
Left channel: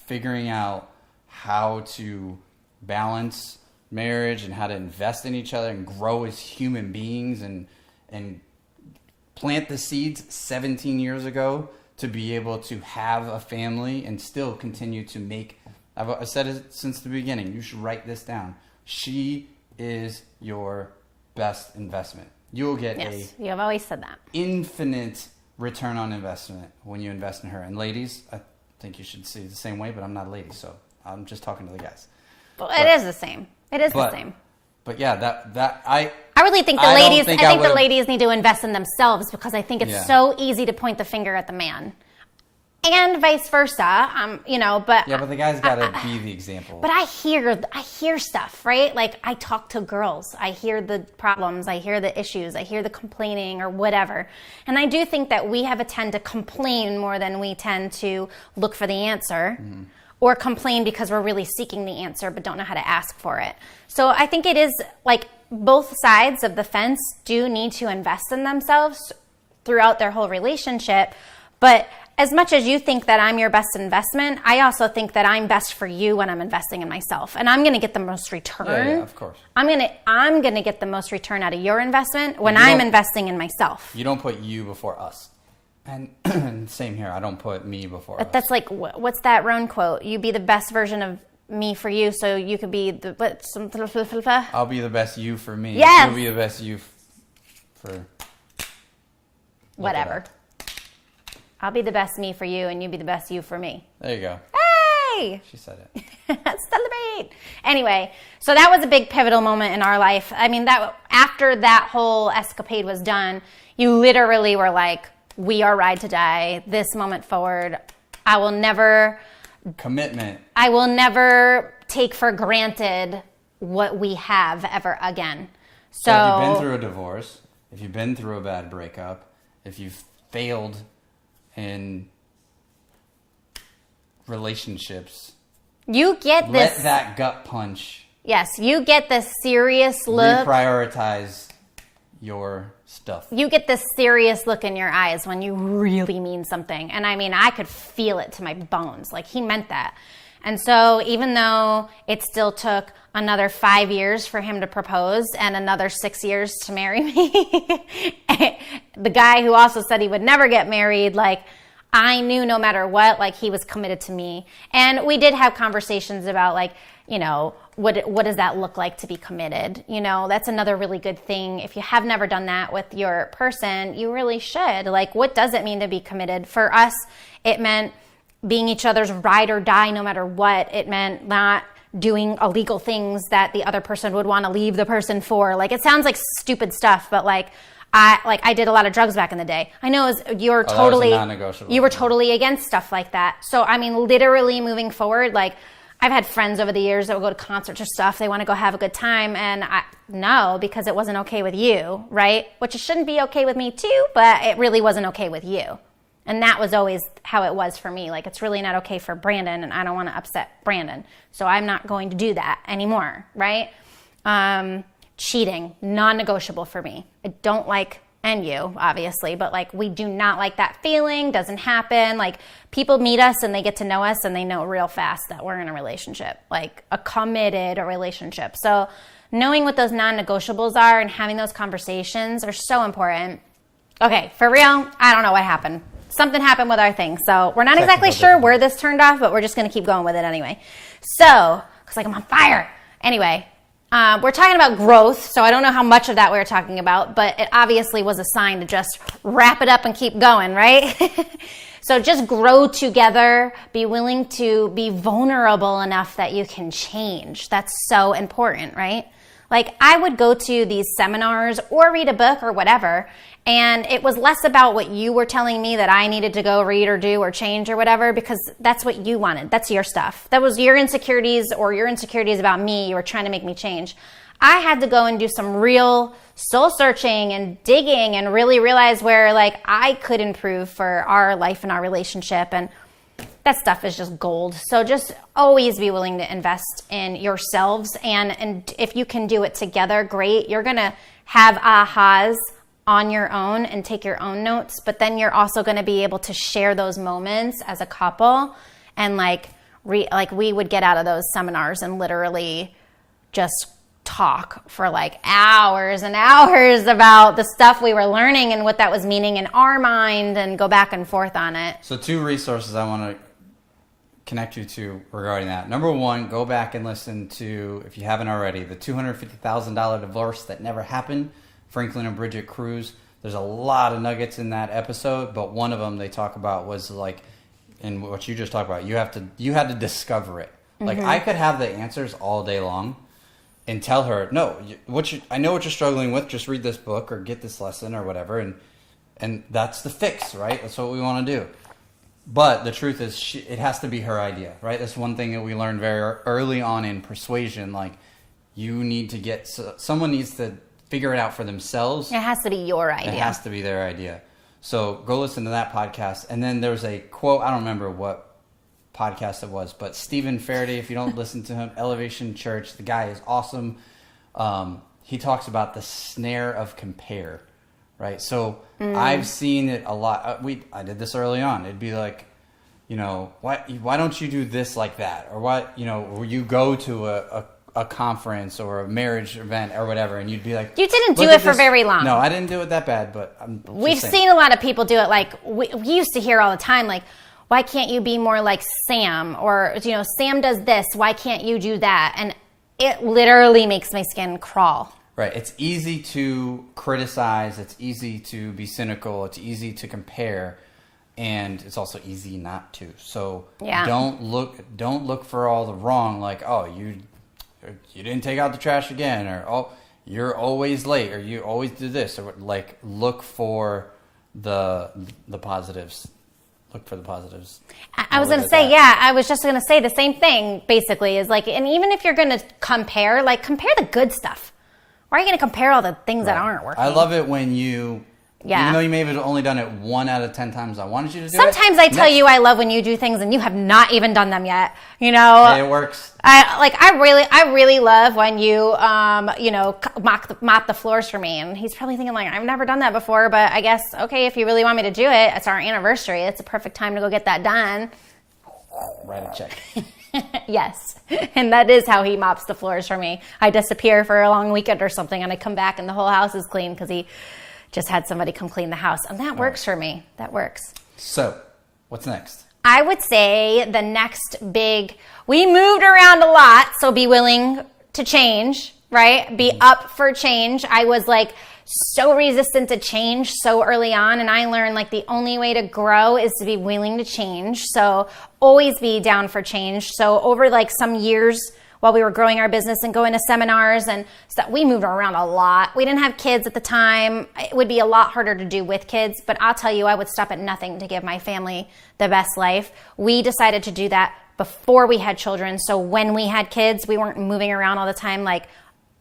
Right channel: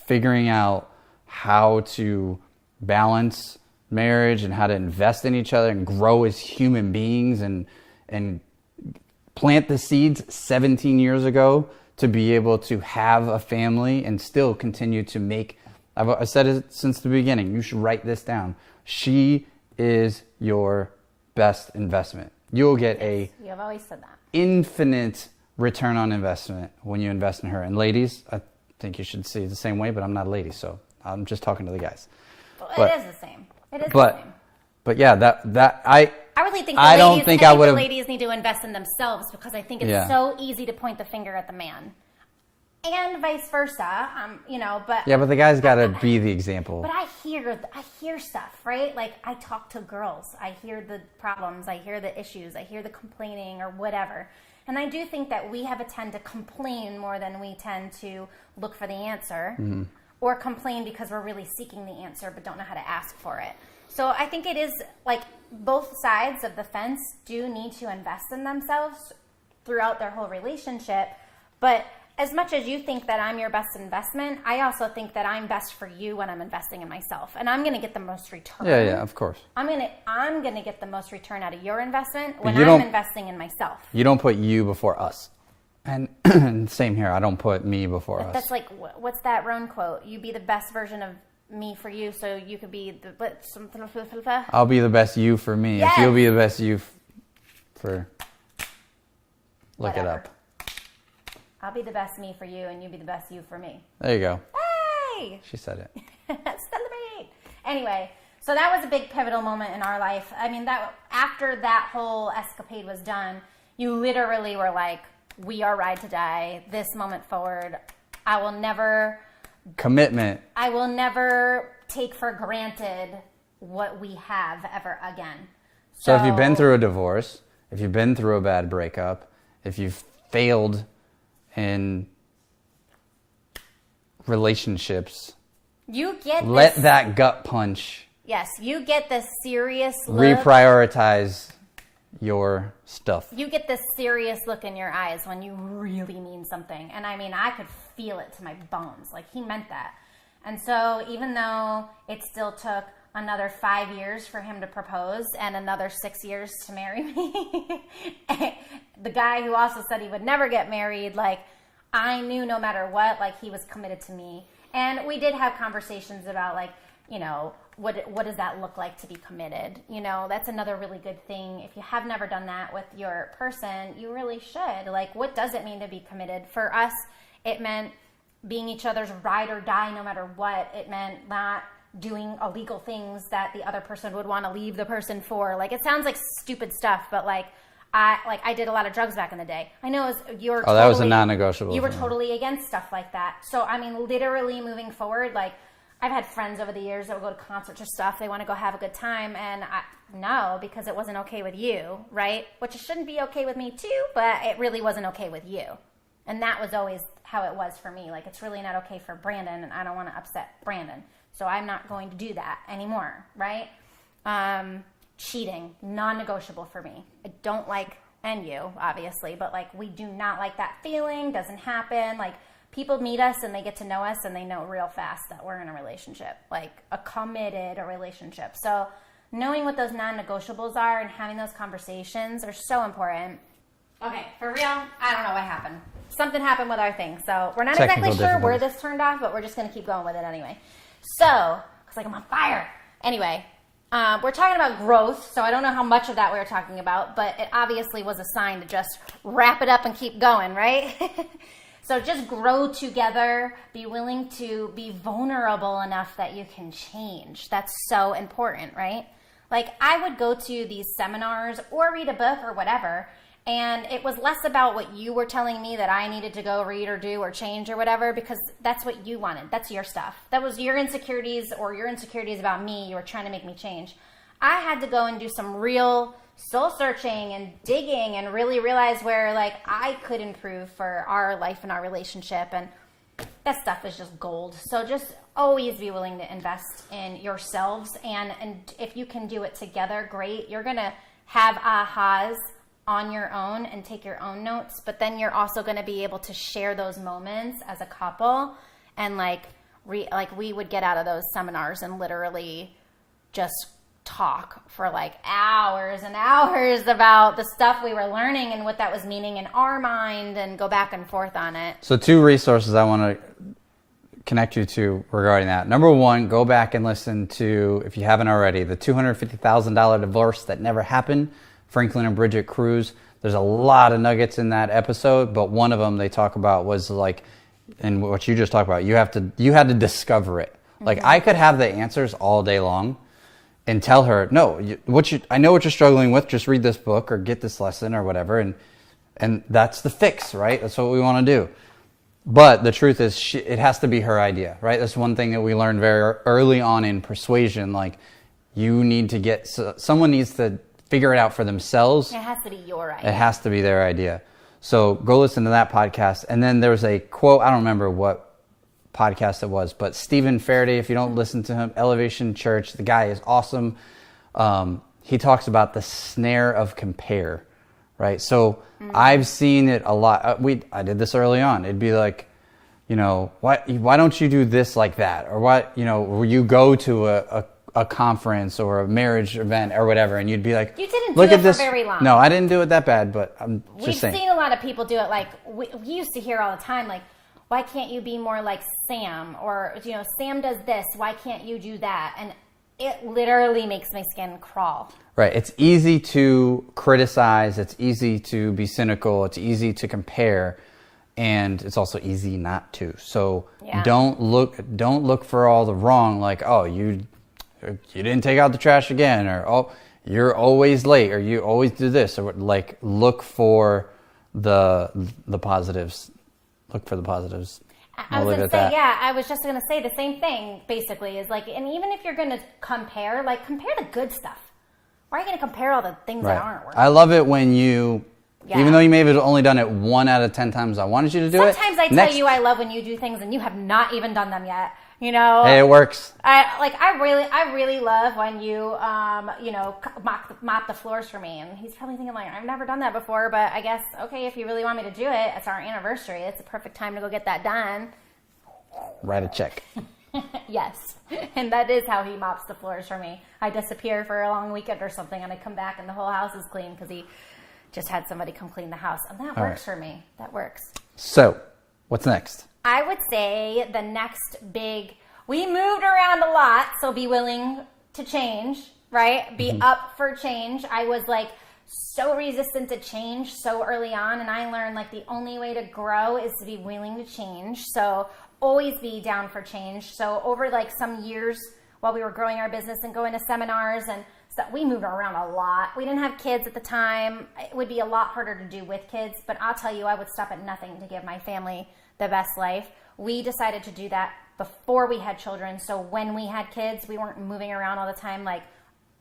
figuring out how to balance marriage and how to invest in each other and grow as human beings and plant the seeds 17 years ago to be able to have a family and still continue to make. I've said it since the beginning. You should write this down. She is your best investment. You'll get you have always said that. Infinite return on investment when you invest in her. And ladies, I think you should see it the same way, but I'm not a lady, so I'm just talking to the guys. Well, it is the same. It is the same. But yeah, I really think the ladies need to invest in themselves, because I think it's so easy to point the finger at the man, and vice versa. But yeah, but the guy's got to be the example. But I hear stuff, right? I talk to girls. I hear the problems. I hear the issues. I hear the complaining or whatever. And I do think that we have a tend to complain more than we tend to look for the answer. Mm-hmm. Or complain because we're really seeking the answer but don't know how to ask for it. So I think it is both sides of the fence do need to invest in themselves throughout their whole relationship. But as much as you think that I'm your best investment, I also think that I'm best for you when I'm investing in myself. And I'm going to get the most return. Yeah, of course. I'm going to get the most return out of your investment when I'm investing in myself. You don't put you before us. And same here. I don't put me before us. That's what's that Roan quote? You be the best version of me for you, so you could be the... I'll be the best you for me. Yes. You'll be the best you for... Whatever. I'll be the best me for you, and you be the best you for me. There you go. Hey! She said it. Celebrate! Anyway, so that was a big pivotal moment in our life. I mean, that after that whole escapade was done, you literally were like, we are ride to die, this moment forward. I will never... Commitment. I will never take for granted what we have ever again. So if you've been through a divorce, if you've been through a bad breakup, if you've failed in relationships, you get this... Let that gut punch... Yes, you get this serious look. Reprioritize your stuff. You get this serious look in your eyes when you really mean something. And I mean, I could feel it to my bones. Like, he meant that. And so even though it still took another 5 years for him to propose and another 6 years to marry me, the guy who also said he would never get married, like, I knew no matter what, like, he was committed to me. And we did have conversations about, like, you know, what does that look like to be committed? You know, that's another really good thing. If you have never done that with your person, you really should. Like, what does it mean to be committed? For us, it meant being each other's ride or die no matter what. It meant not doing illegal things that the other person would want to leave the person for. Like, it sounds like stupid stuff, but like I did a lot of drugs back in the day. I know you're totally... That was a non-negotiable. You were totally against stuff like that. So, I mean, literally moving forward, like, I've had friends over the years that will go to concerts or stuff. They want to go have a good time. And no, because it wasn't okay with you, right? Which it shouldn't be okay with me too, but it really wasn't okay with you. And that was always how it was for me. Like, it's really not okay for Brandon, and I don't want to upset Brandon. So I'm not going to do that anymore, right? Cheating, non-negotiable for me. I don't like, and you, obviously, but like, we do not like that feeling. Doesn't happen. Like, people meet us and they get to know us and they know real fast that we're in a relationship, like a committed relationship. So knowing what those non-negotiables are and having those conversations are so important. Okay, for real, I don't know what happened. Something happened with our thing. So we're not exactly sure where this turned off, but we're just going to keep going with it anyway. So, looks like I'm on fire. Anyway, we're talking about growth, so I don't know how much of that we were talking about, but it obviously was a sign to just wrap it up and keep going, right? So just grow together, be willing to be vulnerable enough that you can change. That's so important, right? Like, I would go to these seminars or read a book or whatever, and it was less about what you were telling me that I needed to go read or do or change or whatever, because that's what you wanted. That's your stuff. That was your insecurities or your insecurities about me. You were trying to make me change. I had to go and do some real soul searching and digging and really realize where, like, I could improve for our life and our relationship. And that stuff is just gold. So just always be willing to invest in yourselves. And if you can do it together, great. You're going to have ahas on your own and take your own notes, but then you're also going to be able to share those moments as a couple. And like we would get out of those seminars and literally just talk for like hours and hours about the stuff we were learning and what that was meaning in our mind, and go back and forth on it. So 2 resources I want to connect you to regarding that. Number 1, go back and listen to, if you haven't already, the $250,000 divorce that never happened, Franklin and Bridget Cruz. There's a lot of nuggets in that episode, but one of them they talk about was like, and what you just talked about, you had to discover it. Mm-hmm. Like, I could have the answers all day long and tell her, no, I know what you're struggling with, just read this book or get this lesson or whatever, and that's the fix, right? That's what we want to do. But the truth is, it has to be her idea, right? That's one thing that we learned very early on in persuasion. Like, someone needs to figure it out for themselves. It has to be your idea. It has to be their idea. So go listen to that podcast. And then there's a quote, I don't remember what podcast it was, but Stephen Faraday, if you don't listen to him, Elevation Church, the guy is awesome. He talks about the snare of compare, right? So I've seen it a lot. I did this early on. It'd be like, why don't you do this like that? Or will you go to a conference or a marriage event or whatever, and you'd be like, you didn't do it for very long. No, I didn't do it that bad, but we've seen a lot of people do it. Like, we used to hear all the time, like, why can't you be more like Sam? Or, Sam does this, why can't you do that? And it literally makes my skin crawl. Right. It's easy to criticize. It's easy to be cynical. It's easy to compare, and it's also easy not to. So don't look for all the wrong. Like, oh, you didn't take out the trash again, or oh, you're always late, or you always do this, or like look for the positives. Look for the positives. I was going to say, I was just going to say the same thing, basically, is like, and even if you're going to compare, like, compare the good stuff. Why are you going to compare all the things that aren't working? I love it when you, even though you may have only done it 1 out of 10 times I wanted you to do Sometimes I tell you I love when you do things and you have not even done them yet. You know? Hey, it works. I really love when you, mop the floors for me. And he's probably thinking like, I've never done that before, but I guess, okay, if you really want me to do it, it's our anniversary. It's a perfect time to go get that done. Write a check. Yes. And that is how he mops the floors for me. I disappear for a long weekend or something and I come back and the whole house is clean because he just had somebody come clean the house. And that works for me. That works. So, what's next? I would say the next we moved around a lot, so be willing to change, right? Be up for change. I was like so resistant to change so early on, and I learned like the only way to grow is to be willing to change. So always be down for change. So over like some years while we were growing our business and going to seminars and stuff, we moved around a lot. We didn't have kids at the time. It would be a lot harder to do with kids, but I'll tell you, I would stop at nothing to give my family the best life. We decided to do that before we had children. So when we had kids, we weren't moving around all the time like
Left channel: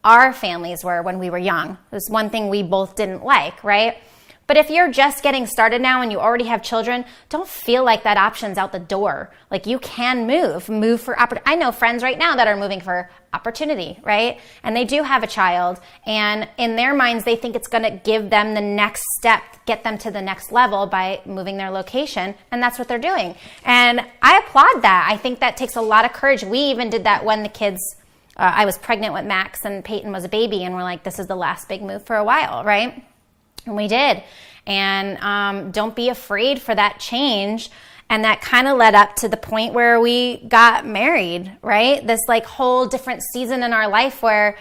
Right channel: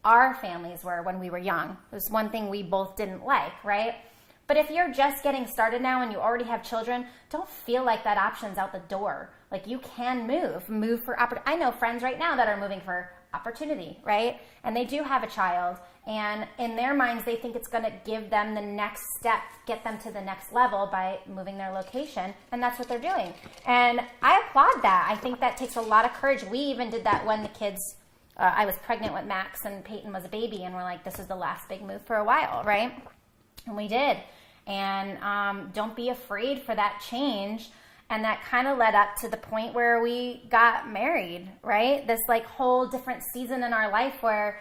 our families were when we were young. It was one thing we both didn't like, right? But if you're just getting started now and you already have children, don't feel like that option's out the door. Like you can move for opportunity. I know friends right now that are moving for opportunity, right? And they do have a child, and in their minds, they think it's going to give them the next step, get them to the next level by moving their location, and that's what they're doing. And I applaud that. I think that takes a lot of courage. We even did that when the kids, I was pregnant with Max and Peyton was a baby, and we're like, this is the last big move for a while, right? And we did. And don't be afraid for that change. And that kind of led up to the point where we got married, right? This like whole different season in our life where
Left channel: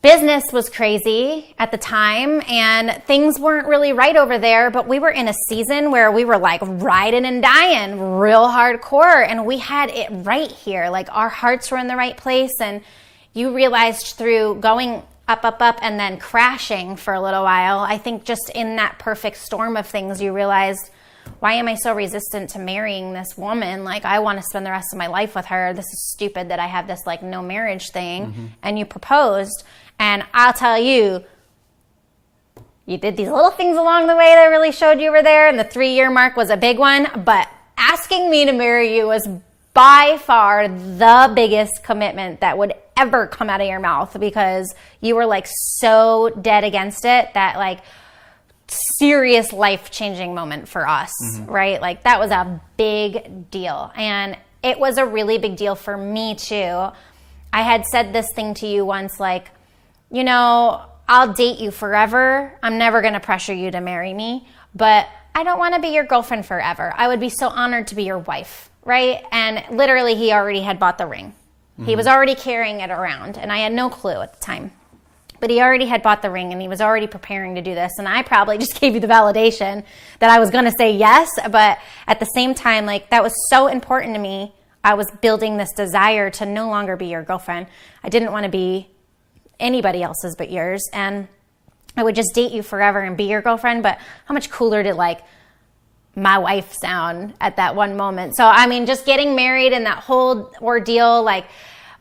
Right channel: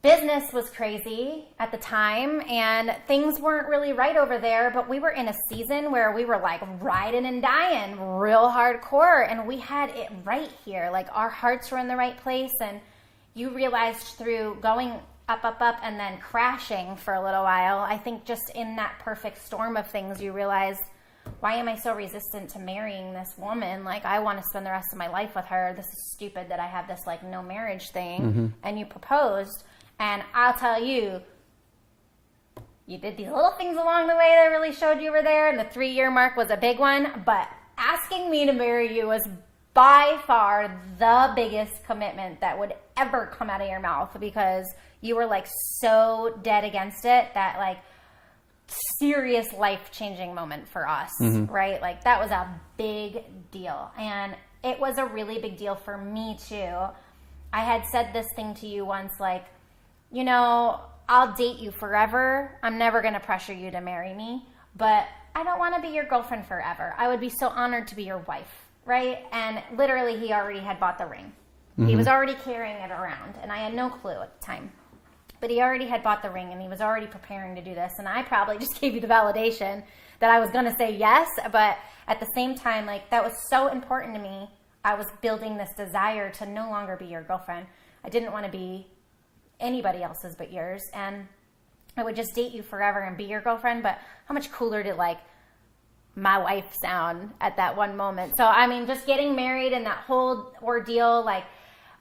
business was crazy at the time and things weren't really right over there, but we were in a season where we were like riding and dying real hardcore, and we had it right here. Like our hearts were in the right place, and you realized through going up, and then crashing for a little while, I think just in that perfect storm of things, you realized, why am I so resistant to marrying this woman? Like, I want to spend the rest of my life with her. This is stupid that I have this like no marriage thing. And you proposed, and I'll tell you, you did these little things along the way that really showed you were there, and the 3-year mark was a big one, but asking me to marry you was by far the biggest commitment that would ever come out of your mouth, because you were like so dead against it that like serious life-changing moment for us, right? Like that was a big deal. And it was a really big deal for me too. I had said this thing to you once, like, you know, I'll date you forever. I'm never going to pressure you to marry me, but I don't want to be your girlfriend forever. I would be so honored to be your wife, right? And literally he already had bought the ring. He was already carrying it around, and I had no clue at the time. But he already had bought the ring, and he was already preparing to do this. And I probably just gave you the validation that I was going to say yes. But at the same time, like that was so important to me. I was building this desire to no longer be your girlfriend. I didn't want to be anybody else's but yours. And I would just date you forever and be your girlfriend. But how much cooler did like my wife sound at that one moment? So, I mean, just getting married and that whole ordeal, like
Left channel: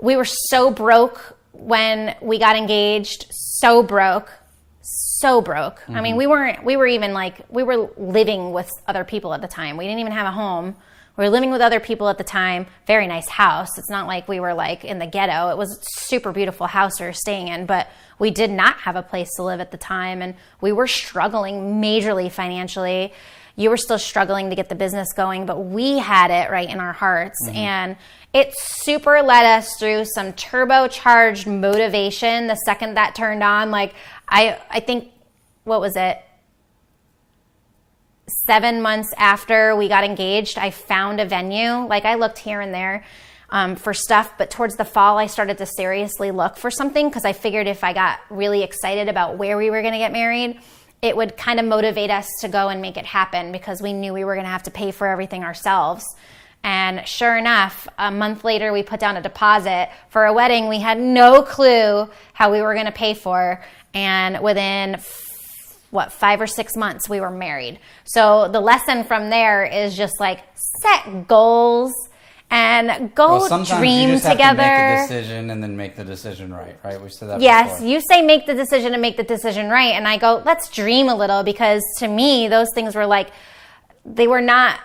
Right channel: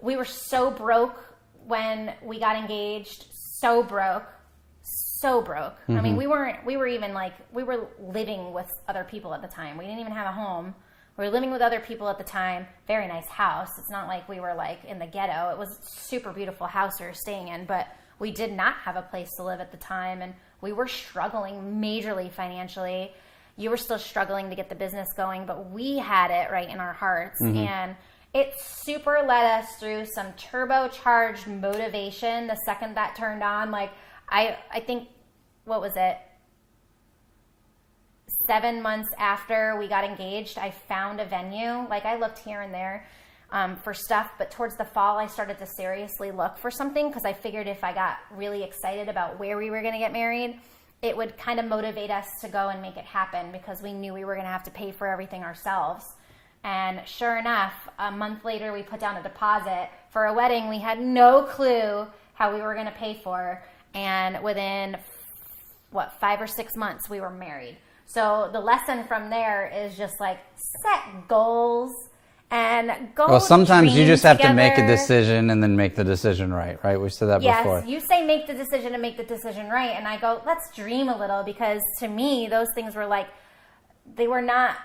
we were so broke when we got engaged, so broke. I mean, we were living with other people at the time. We didn't even have a home. We were living with other people at the time. Very nice house. It's not like we were like in the ghetto. It was a super beautiful house we were staying in, but we did not have a place to live at the time. And we were struggling majorly financially. You were still struggling to get the business going, but we had it right in our hearts. And it super led us through some turbocharged motivation the second that turned on. Like, I think, what was it? 7 months after we got engaged, I found a venue. Like, I looked here and there. for stuff. But towards the fall, I started to seriously look for something because I figured if I got really excited about where we were going to get married, it would kind of motivate us to go and make it happen because we knew we were going to have to pay for everything ourselves. And sure enough, a month later, we put down a deposit for a wedding we had no clue how we were going to pay for. And within 5 or 6 months, we were married. So the lesson from there is just like set goals and go. Well, sometimes dream you just have together. to make a decision and then make the decision right? We said that yes, before. you say make the decision and make the decision right. And I go, let's dream a little, because to me, those things were like, they were not,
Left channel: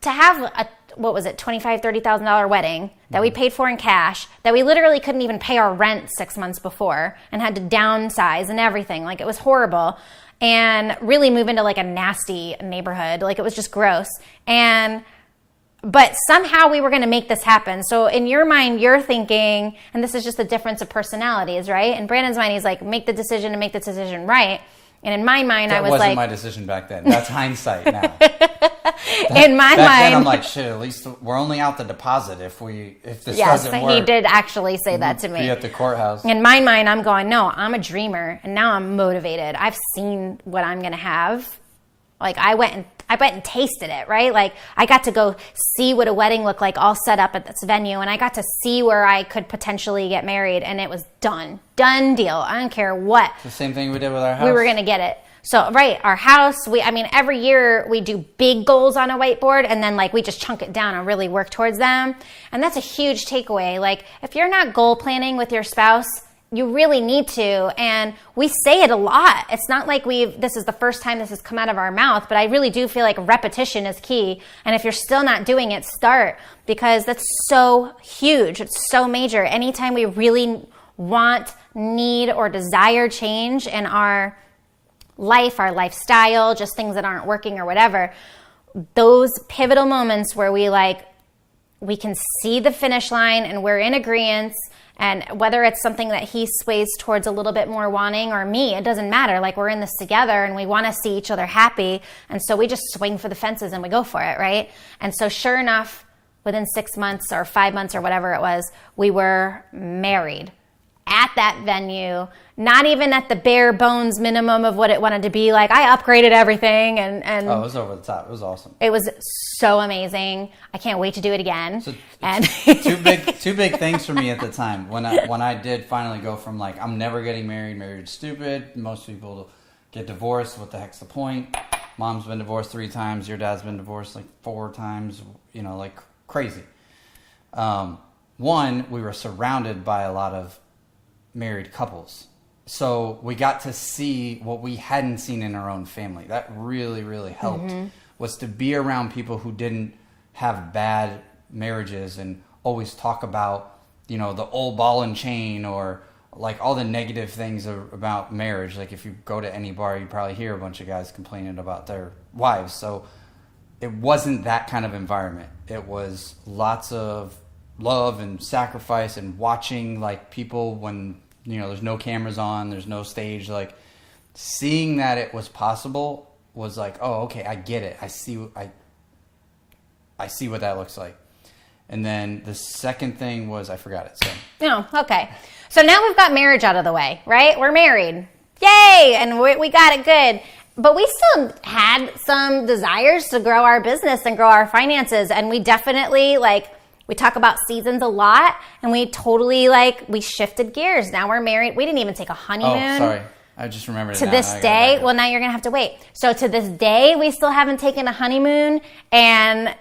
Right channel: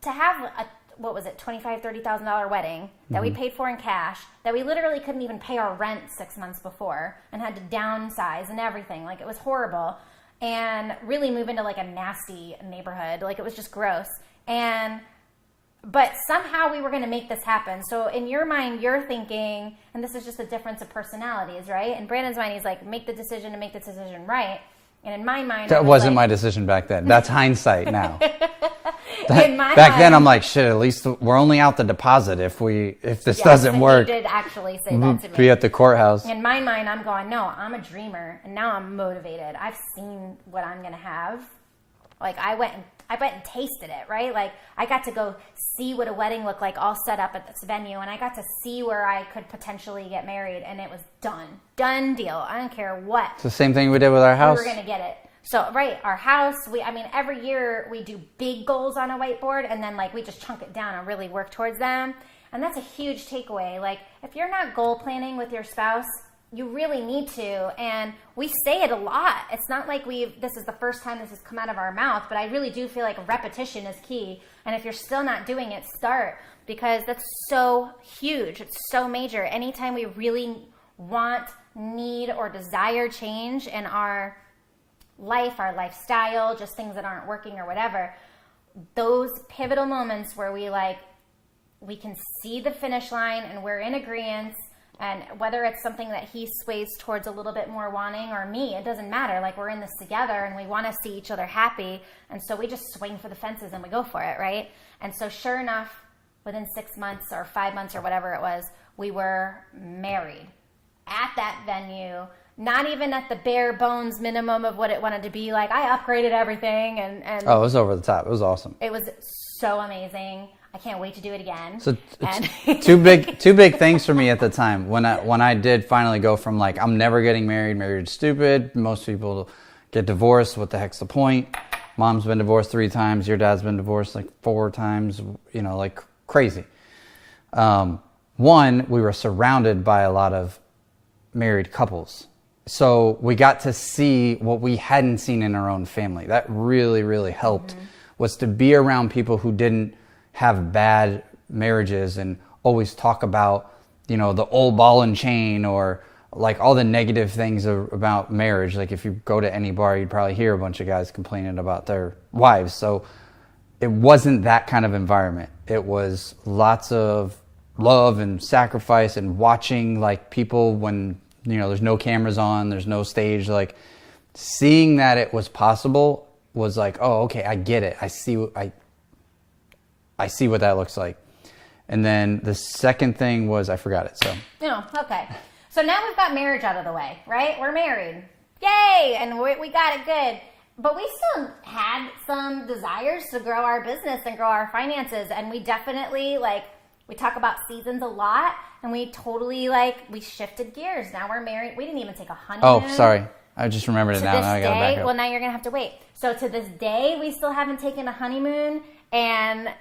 to have a, what was it, $25,000, $30,000 wedding that we paid for in cash, that we literally couldn't even pay our rent 6 months before and had to downsize and everything. Like, it was horrible. And really move into like a nasty neighborhood. Like, it was just gross. But somehow we were going to make this happen. So in your mind, you're thinking, and this is just a difference of personalities, right? In Brandon's mind, he's like, make the decision and make the decision right. And in my mind, I was like... That wasn't my decision back then. That's hindsight now. In my mind... Back then, I'm like, shit, at least we're only out the deposit if this doesn't work. He did actually say that to me. Be at the courthouse. In my mind, I'm going, no, I'm a dreamer, and now I'm motivated. I've seen what I'm going to have. Like, I went and tasted it, right? Like, I got to go see what a wedding looked like all set up at this venue, and I got to see where I could potentially get married, and it was done. Done deal. I don't care what. It's the same thing we did with our house. We were going to get it. So, right, our house, every year we do big goals on a whiteboard, and then, like, we just chunk it down and really work towards them. And that's a huge takeaway. Like, if you're not goal planning with your spouse, you really need to. And we say it a lot. It's not like this is the first time this has come out of our mouth, but I really do feel like repetition is key. And if you're still not doing it, start, because that's so huge. It's so major. Anytime we really want, need, or desire change in our life, our lifestyle, just things that aren't working or whatever, those pivotal moments where we can see the finish line and we're in agreement. And whether it's something that he sways towards a little bit more wanting, or me, it doesn't matter. Like, we're in this together and we want to see each other happy. And so we just swing for the fences and we go for it, right? And so sure enough, within 6 months or 5 months or whatever it was, we were married at that venue, not even at the bare bones minimum of what it wanted to be. Like, I upgraded everything and oh, it was over the top. It was awesome. It was so amazing. I can't wait to do it again. So two big things for me at the time when I did finally go from like, I'm never getting married, married's stupid. Most people get divorced. What the heck's the point? Mom's been divorced 3 times. Your dad's been divorced like 4 times, like crazy. One, we were surrounded by a lot of married couples. So we got to see what we hadn't seen in our own family. That really, really helped, was to be around people who didn't have bad marriages and always talk about, the old ball and chain, or like all the negative things about marriage. Like, if you go to any bar, you'd probably hear a bunch of guys complaining about their wives. So it wasn't that kind of environment. It was lots of love and sacrifice and watching like people when, there's no cameras on, there's no stage, like seeing that it was possible was like, oh, okay, I get it. I see what that looks like. And then the second thing was, I forgot it. So. Oh, okay. So now we've got marriage out of the way, right? We're married. Yay! And we got it good. But we still had some desires to grow our business and grow our finances. And we definitely, we talk about seasons a lot, and we totally, we shifted gears. Now we're married. We didn't even take a honeymoon. Oh, sorry. I just remembered it now. To this day, well, now you're going to have to wait. So to this day, we still haven't taken a honeymoon, and...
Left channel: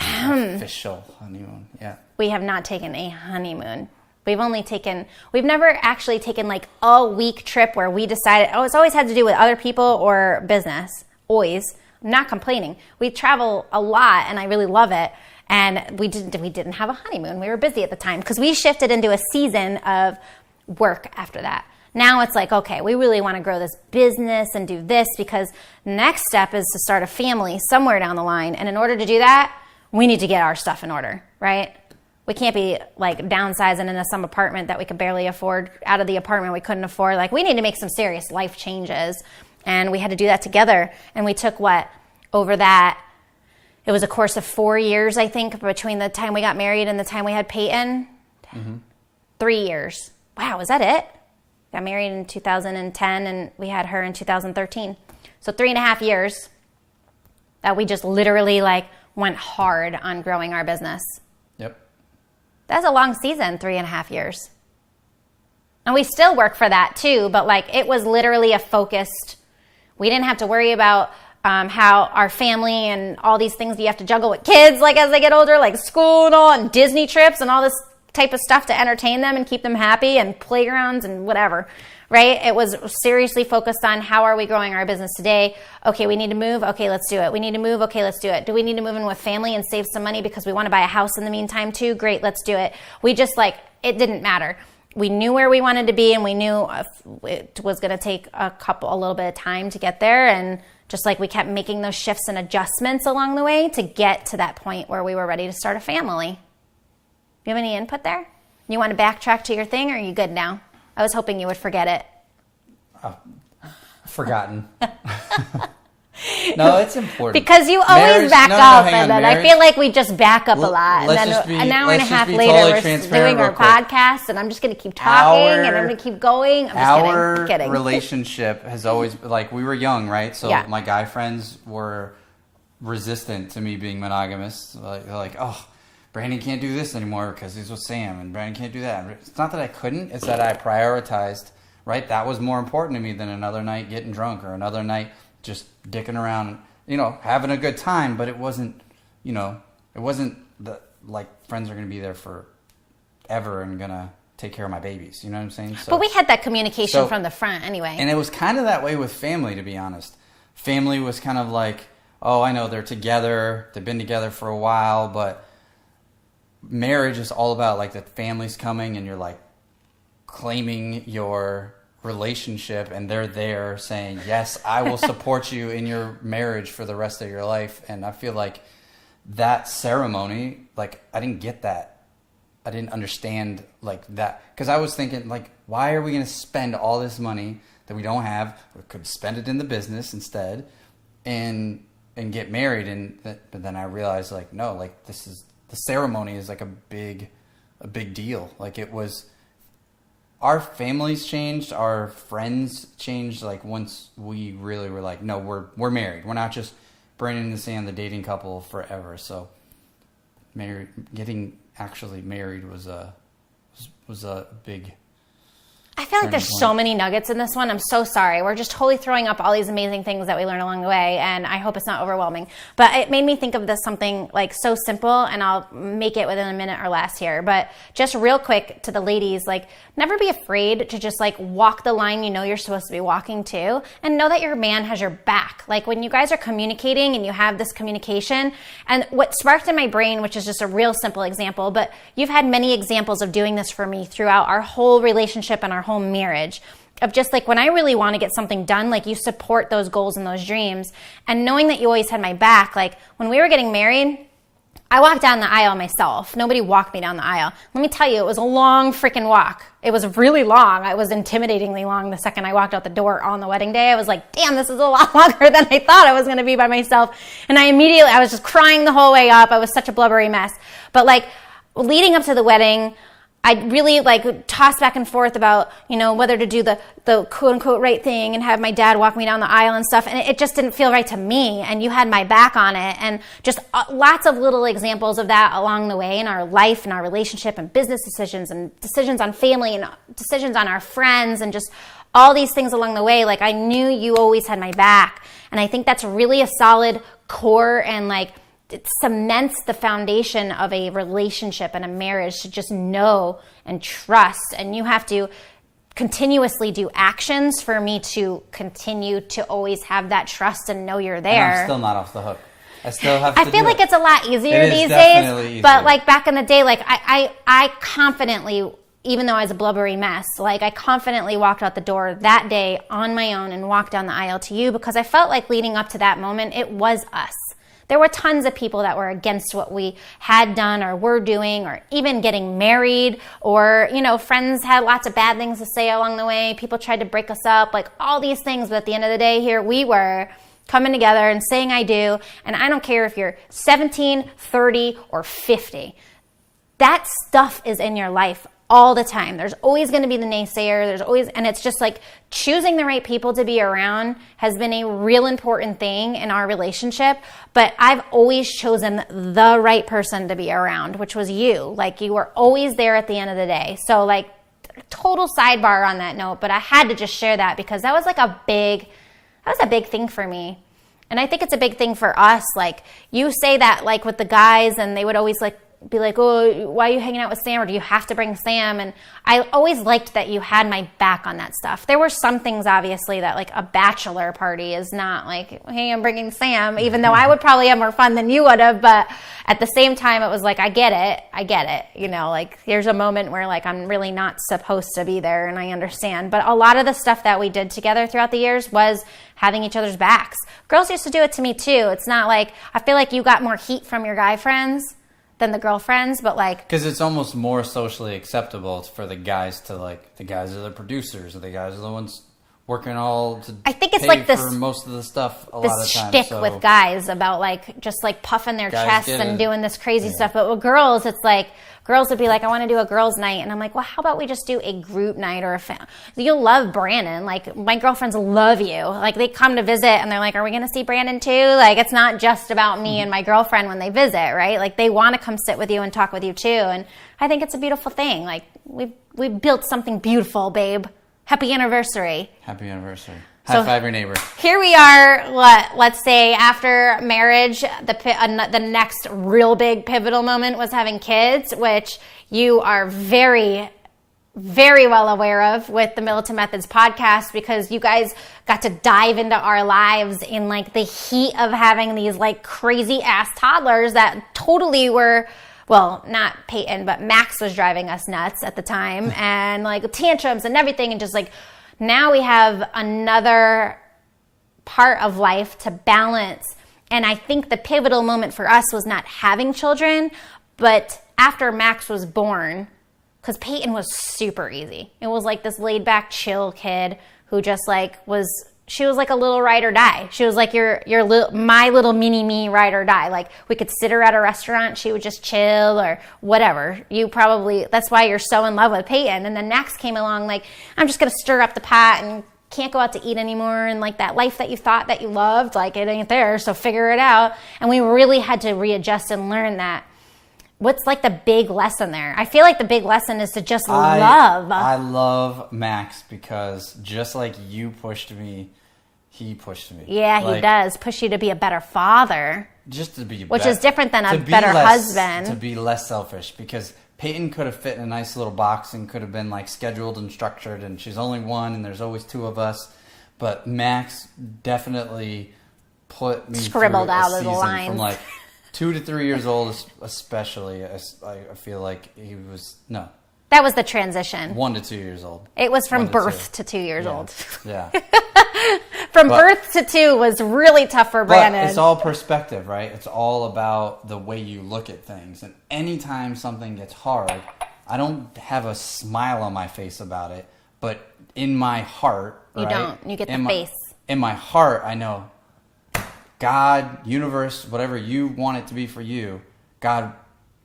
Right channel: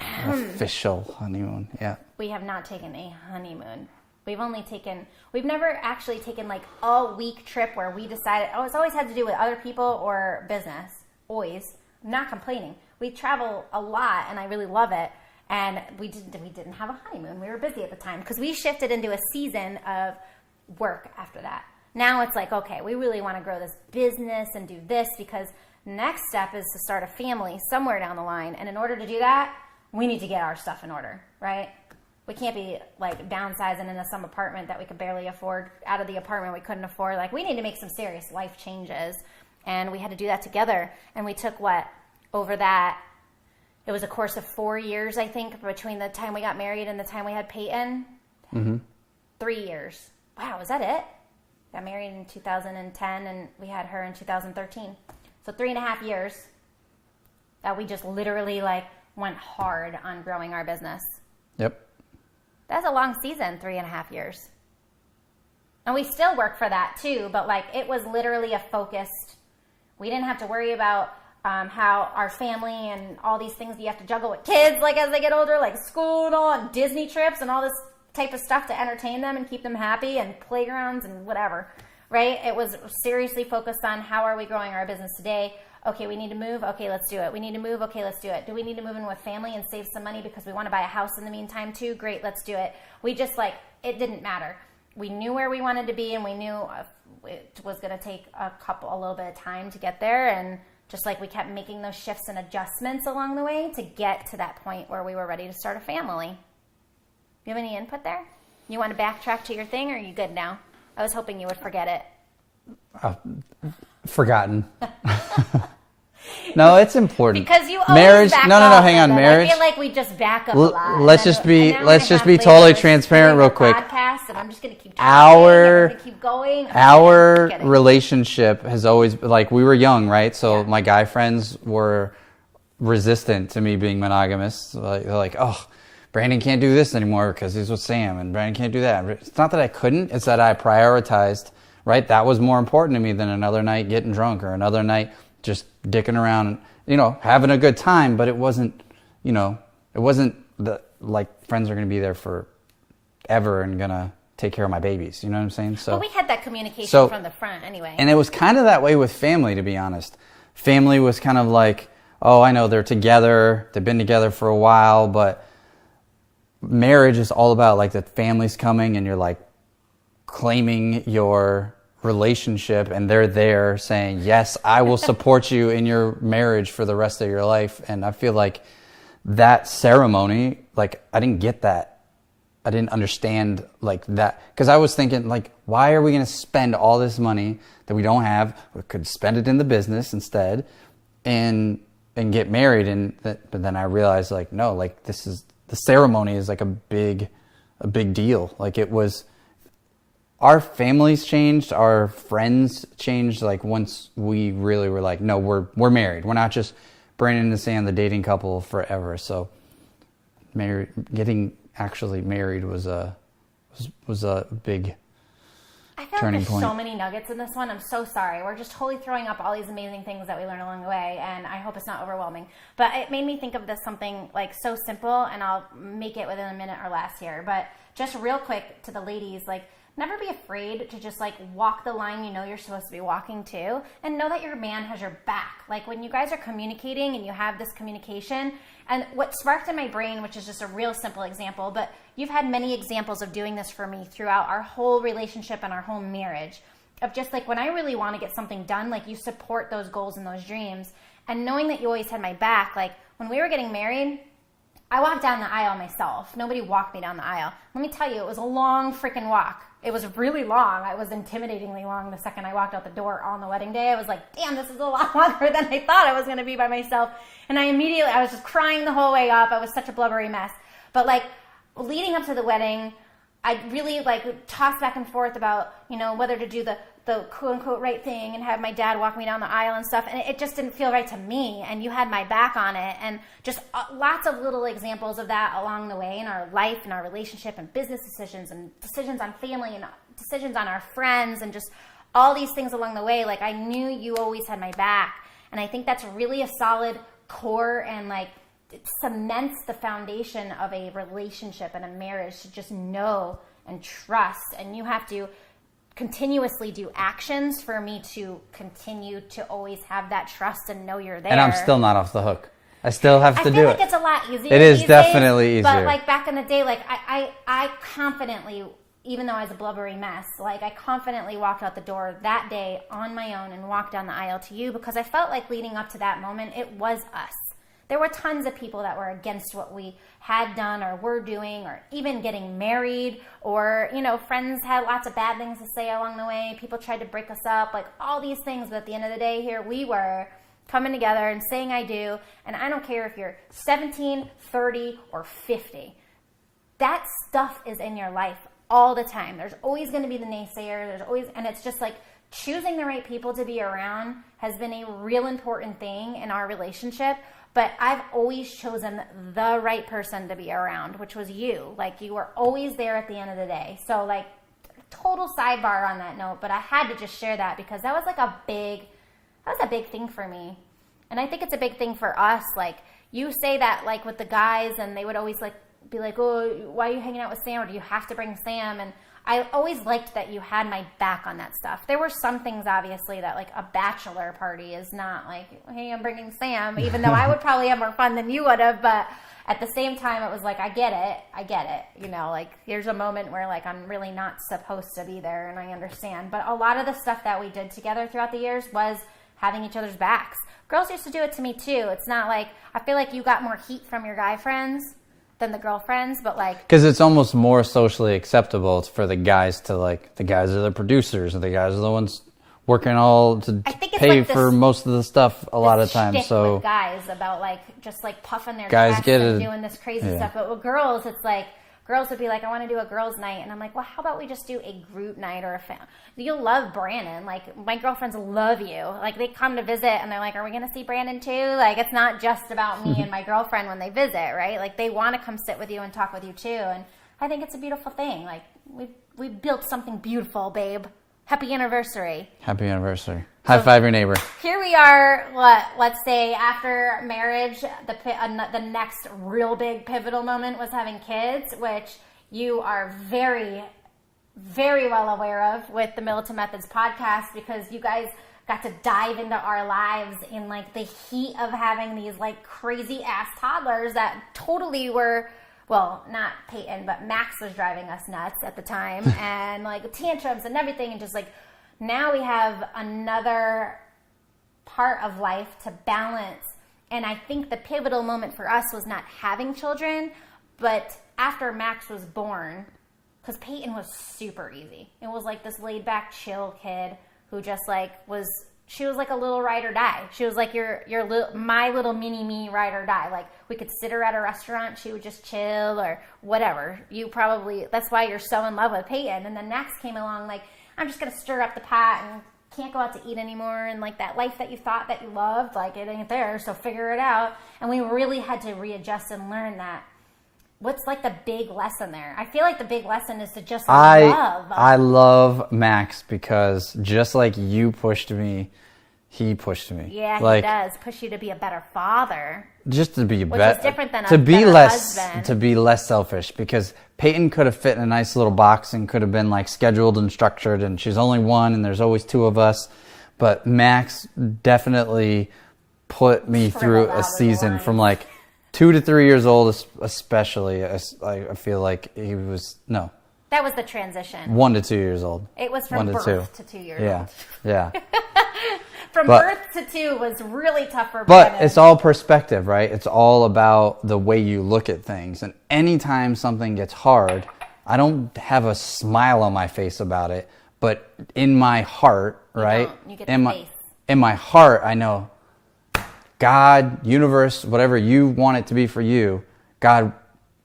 official honeymoon, yeah. We have not taken a honeymoon. We've never actually taken, a week trip where we decided, it's always had to do with other people or business. Always. I'm not complaining. We travel a lot, and I really love it. And we didn't have a honeymoon. We were busy at the time because we shifted into a season of work after that. Now it's like, okay, we really want to grow this business and do this, because next step is to start a family somewhere down the line. And in order to do that, we need to get our stuff in order, right? We can't be downsizing into some apartment that we could barely afford, out of the apartment we couldn't afford. We need to make some serious life changes. And we had to do that together. And we took over that it was a course of 4 years, I think, between the time we got married and the time we had Peyton. 3 years. Wow, is that it? Got married in 2010 and we had her in 2013. So 3.5 years that we just literally like went hard on growing our business. Yep. That's a long season, 3.5 years. And we still work for that too, but like it was literally a focused, we didn't have to worry about how our family and all these things you have to juggle with kids like as they get older, like school and all, and Disney trips and all this type of stuff to entertain them and keep them happy, and playgrounds and whatever, right? It was seriously focused on how are we growing our business today? Okay, we need to move. Okay, let's do it. We need to move. Okay, let's do it. Do we need to move in with family and save some money because we want to buy a house in the meantime too? Great, let's do it. We just like, it didn't matter. We knew where we wanted to be, and we knew it was going to take a little bit of time to get there. And just like we kept making those shifts and adjustments along the way to get to that point where we were ready to start a family. Do you have any input there? You want to backtrack to your thing, or are you good now? I was hoping you would forget it. Forgotten. No, it's important. Because you always back up. Hang on. I feel like we just back up a lot. Let's just be totally transparent real quick. Podcast, and I'm just going to keep talking, and I'm going to keep going. Our relationship has always, like, we were young, right? So my guy friends were resistant to me being monogamous. They're like, oh, Brandon can't do this anymore because he's with Sam, and Brandon can't do that. It's not that I couldn't, it's that I prioritized, right? That was more important to me than another night getting drunk or another night just dicking around and, you know, having a good time. But it wasn't, you know, it wasn't like friends are going to be there forever and going to take care of my babies. You know what I'm saying? So, but we had that communication from the front anyway. And it was kind of that way with family, to be honest. Family was kind of like, oh, I know they're together. They've been together for a while, but marriage is all about like the family's coming and you're like claiming your relationship, and they're there saying, yes, I will support you in your marriage for the rest of your life. And I feel like that ceremony, like I didn't get that. I didn't understand like that, because I was thinking like, why are we going to spend all this money that we don't have? We could spend it in the business instead and get married. But then I realized like, no, like the ceremony is like a big deal. Like it was, our families changed, our friends changed. Like once we really were like, no, we're married. We're not just Brandon and Sam, the dating couple forever. So getting actually married was a big. I feel like there's so many nuggets in this one. I'm so sorry. We're just totally throwing up all these amazing things that we learned along the way, and I hope it's not overwhelming. But it made me think of this something like so simple, and I'll make it within a minute or less here. But just real quick to the ladies, like never be afraid to just like walk the line you know you're supposed to be walking to, and know that your man has your back. Like when you guys are communicating and you have this communication, and what sparked in my brain, which is just a real simple example, but you've had many examples of doing this for me throughout our whole relationship and our whole marriage, of just like when I really want to get something done, like you support those goals and those dreams, and knowing that you always had my back. Like when we were getting married, I walked down the aisle myself. Nobody walked me down the aisle. Let me tell you, it was a long freaking walk. It was really long. It was intimidatingly long. The second I walked out the door on the wedding day, I was like, damn, this is a lot longer than I thought I was going to be by myself. And I was just crying the whole way up. I was such a blubbery mess. But like leading up to the wedding, I really like tossed back and forth about, you know, whether to do the quote unquote right thing and have my dad walk me down the aisle and stuff. And it just didn't feel right to me. And you had my back on it. And just lots of little examples of that along the way in our life and our relationship and business decisions and decisions on family and decisions on our friends and just all these things along the way. Like I knew you always had my back. And I think that's really a solid core, and like it cements the foundation of a relationship and a marriage, to just know and trust. And you have to continuously do actions for me to continue to always have that trust and know you're there. And I'm still not off the hook. I still have to do it. I feel like it's a lot easier these days. It is definitely easier. But like back in the day, like I confidently, even though I was a blubbery mess, like I confidently walked out the door that day on my own and walked down the aisle to you, because I felt like leading up to that moment, it was us. There were tons of people that were against what we had done or were doing, or even getting married, or, you know, friends had lots of bad things to say along the way. People tried to break us up, like all these things. But at the end of the day, here we were coming together and saying I do. And I don't care if you're 17, 30, or 50. That stuff is in your life all the time. There's always going to be the naysayer. And it's just like choosing the right people to be around has been a real important thing in our relationship. But I've always chosen the right person to be around, which was you. Like, you were always there at the end of the day. So, like, total sidebar on that note, but I had to just share that because that was like a big thing for me. And I think it's a big thing for us. Like, you say that like with the guys, and they would always like be like, oh, why are you hanging out with Sam? Or do you have to bring Sam? And I always liked that you had my back on that stuff. There were some things, obviously, that like a bachelor party is not like, hey, I'm bringing Sam, even though I would probably have more fun than you would have. But at the same time, it was like, I get it. You know, like, there's a moment where like I'm really not supposed to be there, and I understand. But a lot of the stuff that we did together throughout the years was having each other's backs. Girls used to do it to me too. It's not like, I feel like you got more heat from your guy friends than the girlfriends, but like, because it's almost more socially acceptable for the guys to, like, the guys are the producers and the guys are the ones working all to I think it's pay like this, for most of the stuff a lot of times. Shtick So with guys about like just like puffing their guys chests and doing this crazy stuff, but with girls, it's like girls would be like, I want to do a girls' night, and I'm like, well, how about we just do a group night or a family? You'll love Brandon. Like, my girlfriends love you. Like, they come to visit, and they're like, are we going to see Brandon too? Like, it's not just about me and my girlfriend when they visit, right? Like, they want to come sit with you and talk with you too, and I think it's a beautiful thing. Like, we've built something beautiful, babe. Happy anniversary. Happy anniversary. High five your neighbor. Here we are, let's say after marriage, the next real big pivotal moment was having kids, which you are very, very well aware of with the Middleton Methods podcast, because you guys got to dive into our lives in like the heat of having these like crazy ass toddlers that totally were, well, not Peyton, but Max was driving us nuts at the time, and like tantrums and everything, and just like, now we have another part of life to balance. And I think the pivotal moment for us was not having children, but after Max was born, because Peyton was super easy. It was like this laid back, chill kid who just like she was like a little ride or die. She was like my little mini me ride or die. Like, we could sit her at a restaurant, she would just chill or whatever. That's why you're so in love with Peyton. And then Max came along like, I'm just going to stir up the pot and can't go out to eat anymore. And like that life that you thought that you loved, like it ain't there. So figure it out. And we really had to readjust and learn that. What's like the big lesson there? I feel like the big lesson is to just love. I love Max because just like you pushed me, he pushed me. Yeah, like, he does push you to be a better father. Just to be which is different than a better husband. To be less selfish, because Peyton could have fit in a nice little box and could have been like scheduled and structured, and she's only one and there's always two of us. But Max definitely put me through a season from like 2 to 3 years old, especially. I feel like he was, no. That was the transition. 1 to 2 years old. It was from birth to 2 years old. Yeah. Birth to 2 was really tough for Brandon. But it's all perspective, right? It's all about the way you look at things. And anytime something gets hard, I don't have a smile on my face about it, but in my heart, right? You don't. You get the face. In my heart, I know, God, universe, whatever you want it to be for you, God,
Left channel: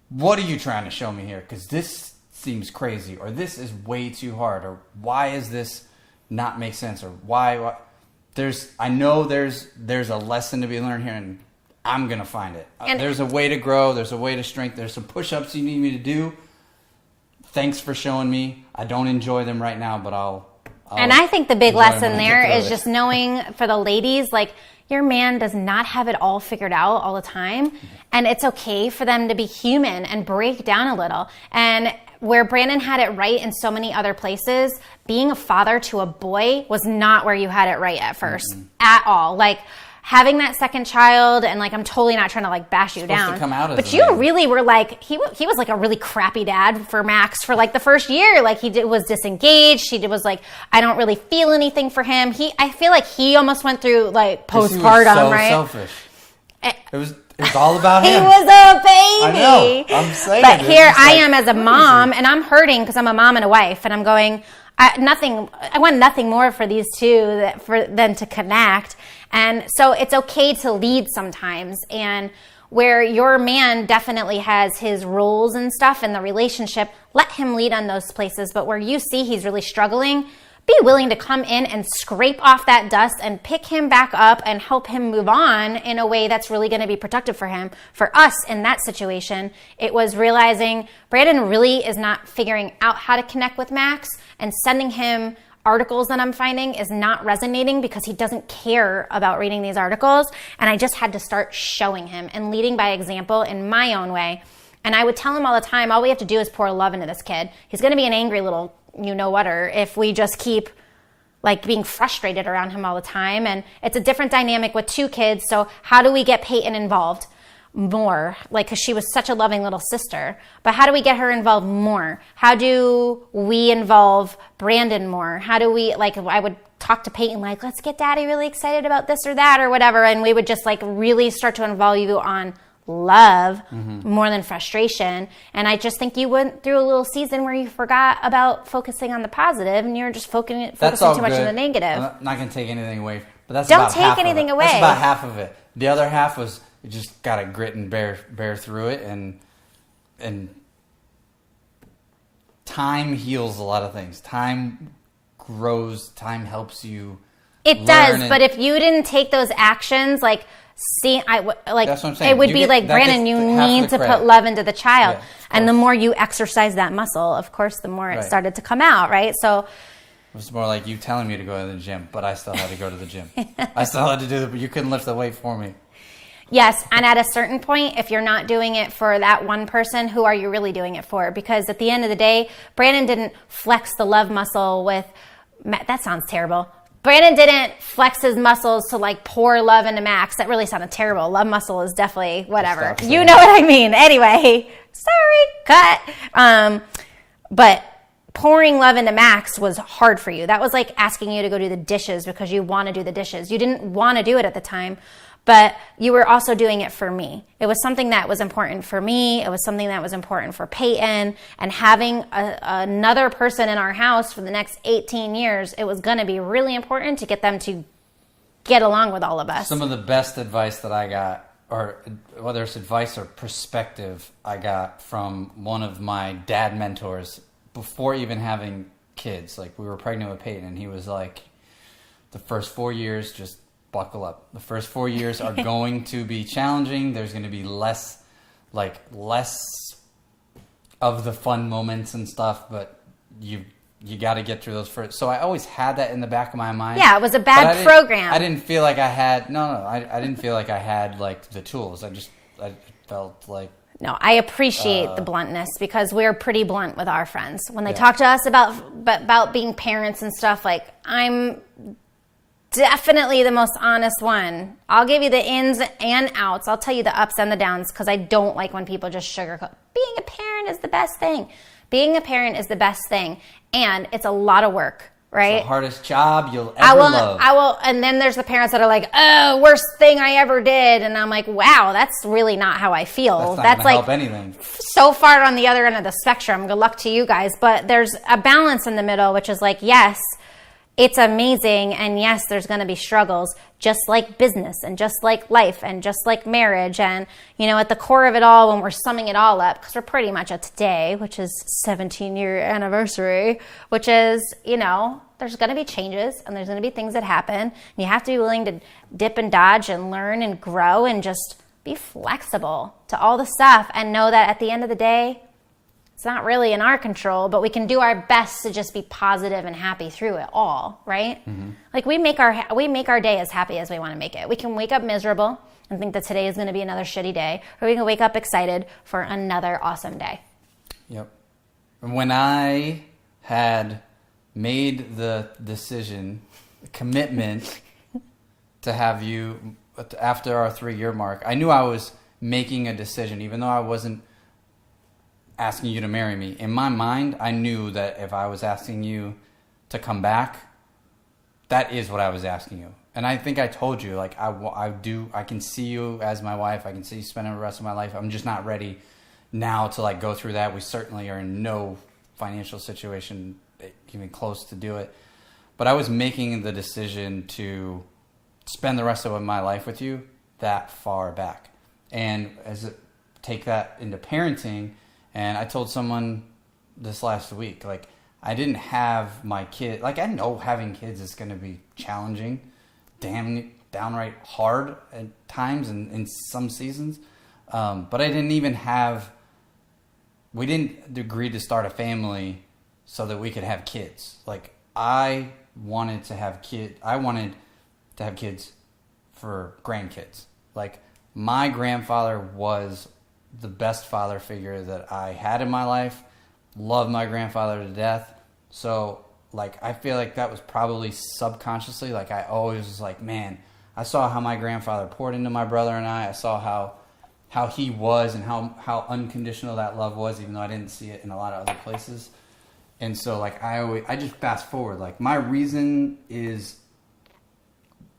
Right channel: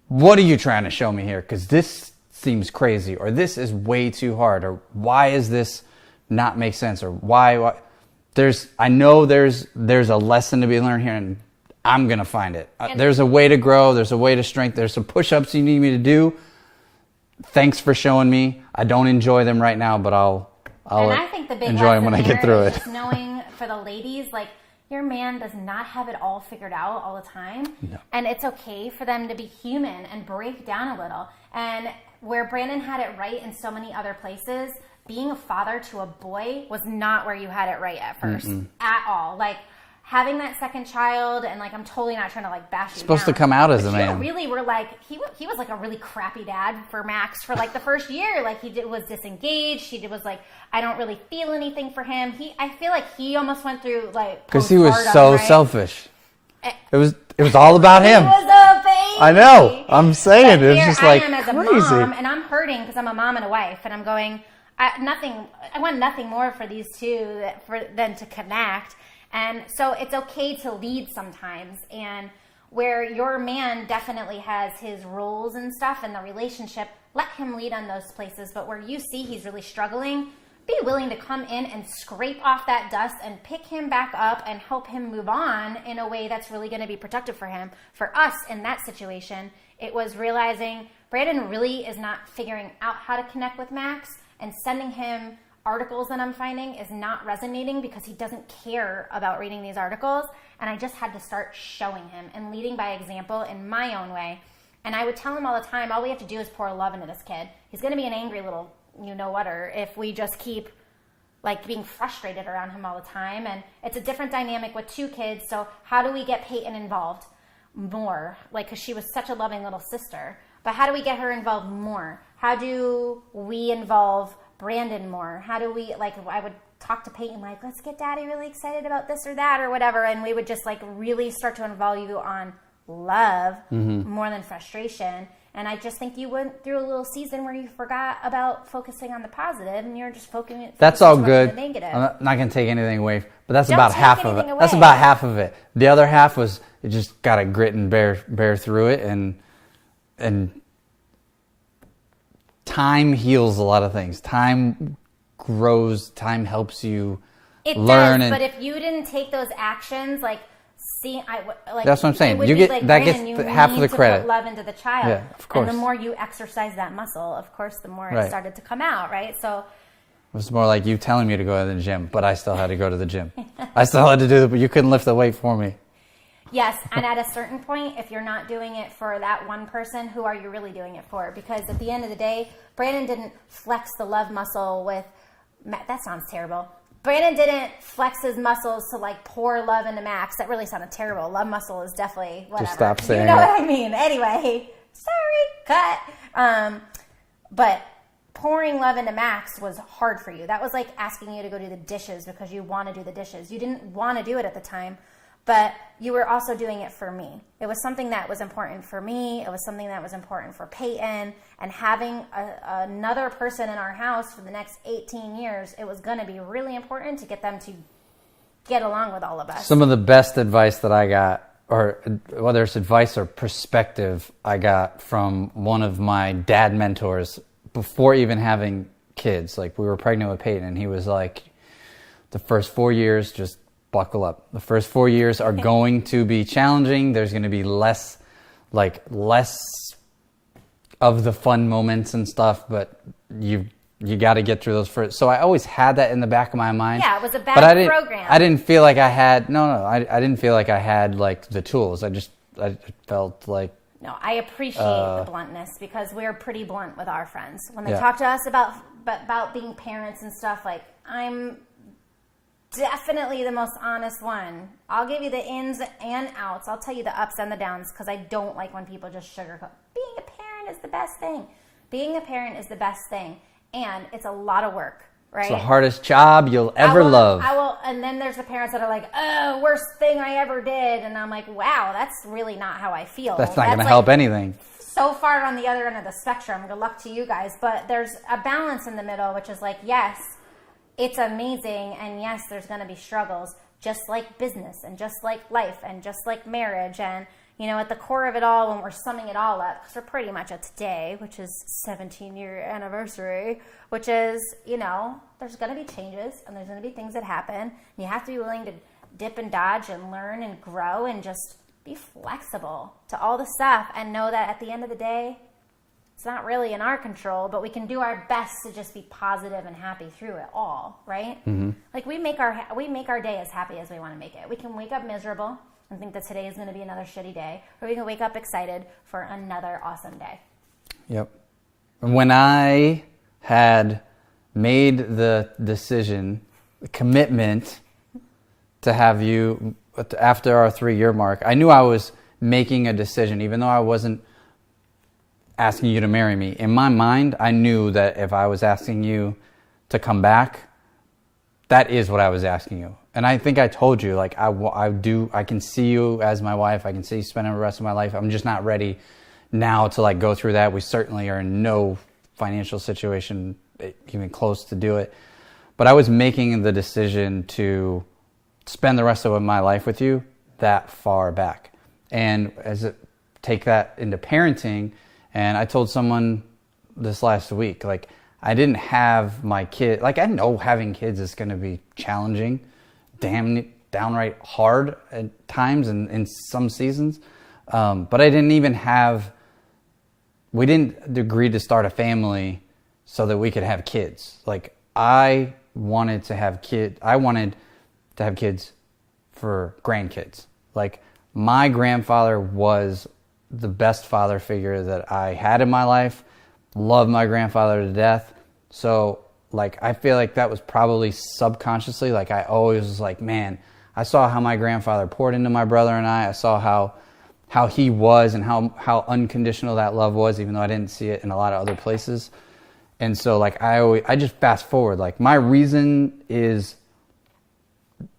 what are you trying to show me here? Because this seems crazy, or this is way too hard, or why is this not make sense, or why I know there's a lesson to be learned here, and I'm gonna find it. There's a way to grow, there's a way to strengthen, there's some push-ups you need me to do. Thanks for showing me. I don't enjoy them right now, but I'll and I think the big lesson there is just knowing, for the ladies, like, your man does not have it all figured out all the time. Yeah. And it's okay for them to be human and break down a little. And where Brandon had it right in so many other places, being a father to a boy was not where you had it right at first. At all. Like, having that second child, and like, I'm totally not trying to like bash you down. Supposed to come out as a man. But you really were like, he was like a really crappy dad for Max for like the first year. Like, was disengaged. He was like, I don't really feel anything for him. I feel like he almost went through like postpartum, he was so right? selfish. It was all about him. He was a baby. I know. I'm saying. But here I am as a mom, and I'm hurting because I'm a mom and a wife, and I'm going, I want nothing more for these two than to connect. And so it's okay to lead sometimes. And where your man definitely has his roles and stuff in the relationship, let him lead on those places. But where you see he's really struggling, be willing to come in and scrape off that dust and pick him back up and help him move on in a way that's really going to be productive for him. For us in that situation, it was realizing Brandon really is not figuring out how to connect with Max, and sending him articles that I'm finding is not resonating because he doesn't care about reading these articles. And I just had to start showing him and leading by example in my own way. And I would tell him all the time, all we have to do is pour love into this kid. He's going to be an angry little you-know-whatter if we just keep like being frustrated around him all the time. And it's a different dynamic with 2 kids. So how do we get Peyton involved more? Like, because she was such a loving little sister. But how do we get her involved more? How do we involve Brandon more? How do we, like, I would talk to Peyton like, let's get daddy really excited about this or that or whatever. And we would just like really start to involve you on love more than frustration. And I just think you went through a little season where you forgot about focusing on the positive and you're just focusing That's all too much good. on the negative. I'm not going to take anything away, but that's Don't about take half anything of it. away. That's about half of it. The other half was it just got to grit and bear through it, and time heals a lot of things. Time grows. Time helps you. It does, but if you didn't take those actions, like. See, like that's what I'm saying. It would be like, Brandon, you need to put love into the child. Yeah, and the more you exercise that muscle, of course, the more it started to come out, right? So it was more like you telling me to go to the gym, but I still had to go to the gym. I still had to do it, but you couldn't lift the weight for me. Yes, and at a certain point, if you're not doing it for that one person, who are you really doing it for? Because at the end of the day, Brandon didn't flex the love muscle with, that sounds terrible. Brandon didn't flex his muscles to like pour love into Max. That really sounded terrible. Love muscle is definitely whatever. You know what I mean. Anyway, sorry, cut. But pouring love into Max was hard for you. That was like asking you to go do the dishes because you want to do the dishes. You didn't want to do it at the time, but you were also doing it for me. It was something that was important for me. It was something that was important for Peyton. And having another person in our house for the next 18 years, it was going to be really important to get them to get along with all of us. Some of the best advice that I got, or whether it's advice or perspective I got from one of my dad mentors before even having kids. Like, we were pregnant with Peyton, and he was like, the first 4 years, just buckle up. The first 4 years are going to be challenging. There's going to be less of the fun moments and stuff, but you got to get through those first. So I always had that in the back of my mind. Yeah, it was a bad program. I didn't feel like I had, I didn't feel like I had like the tools. I felt like. No, I appreciate the bluntness because we're pretty blunt with our friends. When they talk to us about being parents and stuff, like, I'm definitely the most honest one. I'll give you the ins and outs. I'll tell you the ups and the downs because I don't like when people just sugarcoat. Being a parent is the best thing. Being a parent is the best thing. And it's a lot of work, right? It's the hardest job you'll ever love. And then there's the parents that are like, oh, worst thing I ever did. And I'm like, wow, that's really not how I feel. That's not going to help anything. So far on the other end of the spectrum. Good luck to you guys. But there's a balance in the middle, which is like, yes, it's amazing, and yes, there's going to be struggles, just like business and just like life and just like marriage. And, at the core of it all, when we're summing it all up, because we're pretty much at today, which is 17-year anniversary, which is, there's going to be changes and there's going to be things that happen. And you have to be willing to dip and dodge and learn and grow and just be flexible to all the stuff and know that at the end of the day, it's not really in our control, but we can do our best to just be positive and happy through it all, right? Mm-hmm. Like, we make our day as happy as we want to make it. We can wake up miserable and think that today is going to be another shitty day, or we can wake up excited for another awesome day. Yep. When I had made the decision, the commitment to have you after our 3-year mark, I knew I was making a decision, even though I wasn't asking you to marry me. In my mind, I knew that if I was asking you to come back, that is what I was asking you. And I think I told you, like, I can see you as my wife. I can see you spending the rest of my life. I'm just not ready now to like go through that. We certainly are in no financial situation even close to do it. But I was making the decision to spend the rest of my life with you that far back. And take that into parenting, and I told someone this last week, like, I didn't have my kid, like, I know having kids is going to be challenging, downright hard at times and in some seasons, but I didn't even we didn't agree to start a family so that we could have kids. Like, I wanted to have kids for grandkids. Like, my grandfather was the best father figure that I had in my life. Loved my grandfather to death. So, like, I feel like that was probably subconsciously, like, I always was like, man, I saw how my grandfather poured into my brother and I saw how he was and how unconditional that love was, even though I didn't see it in a lot of other places. And so, like, I just fast forward. Like, my reason is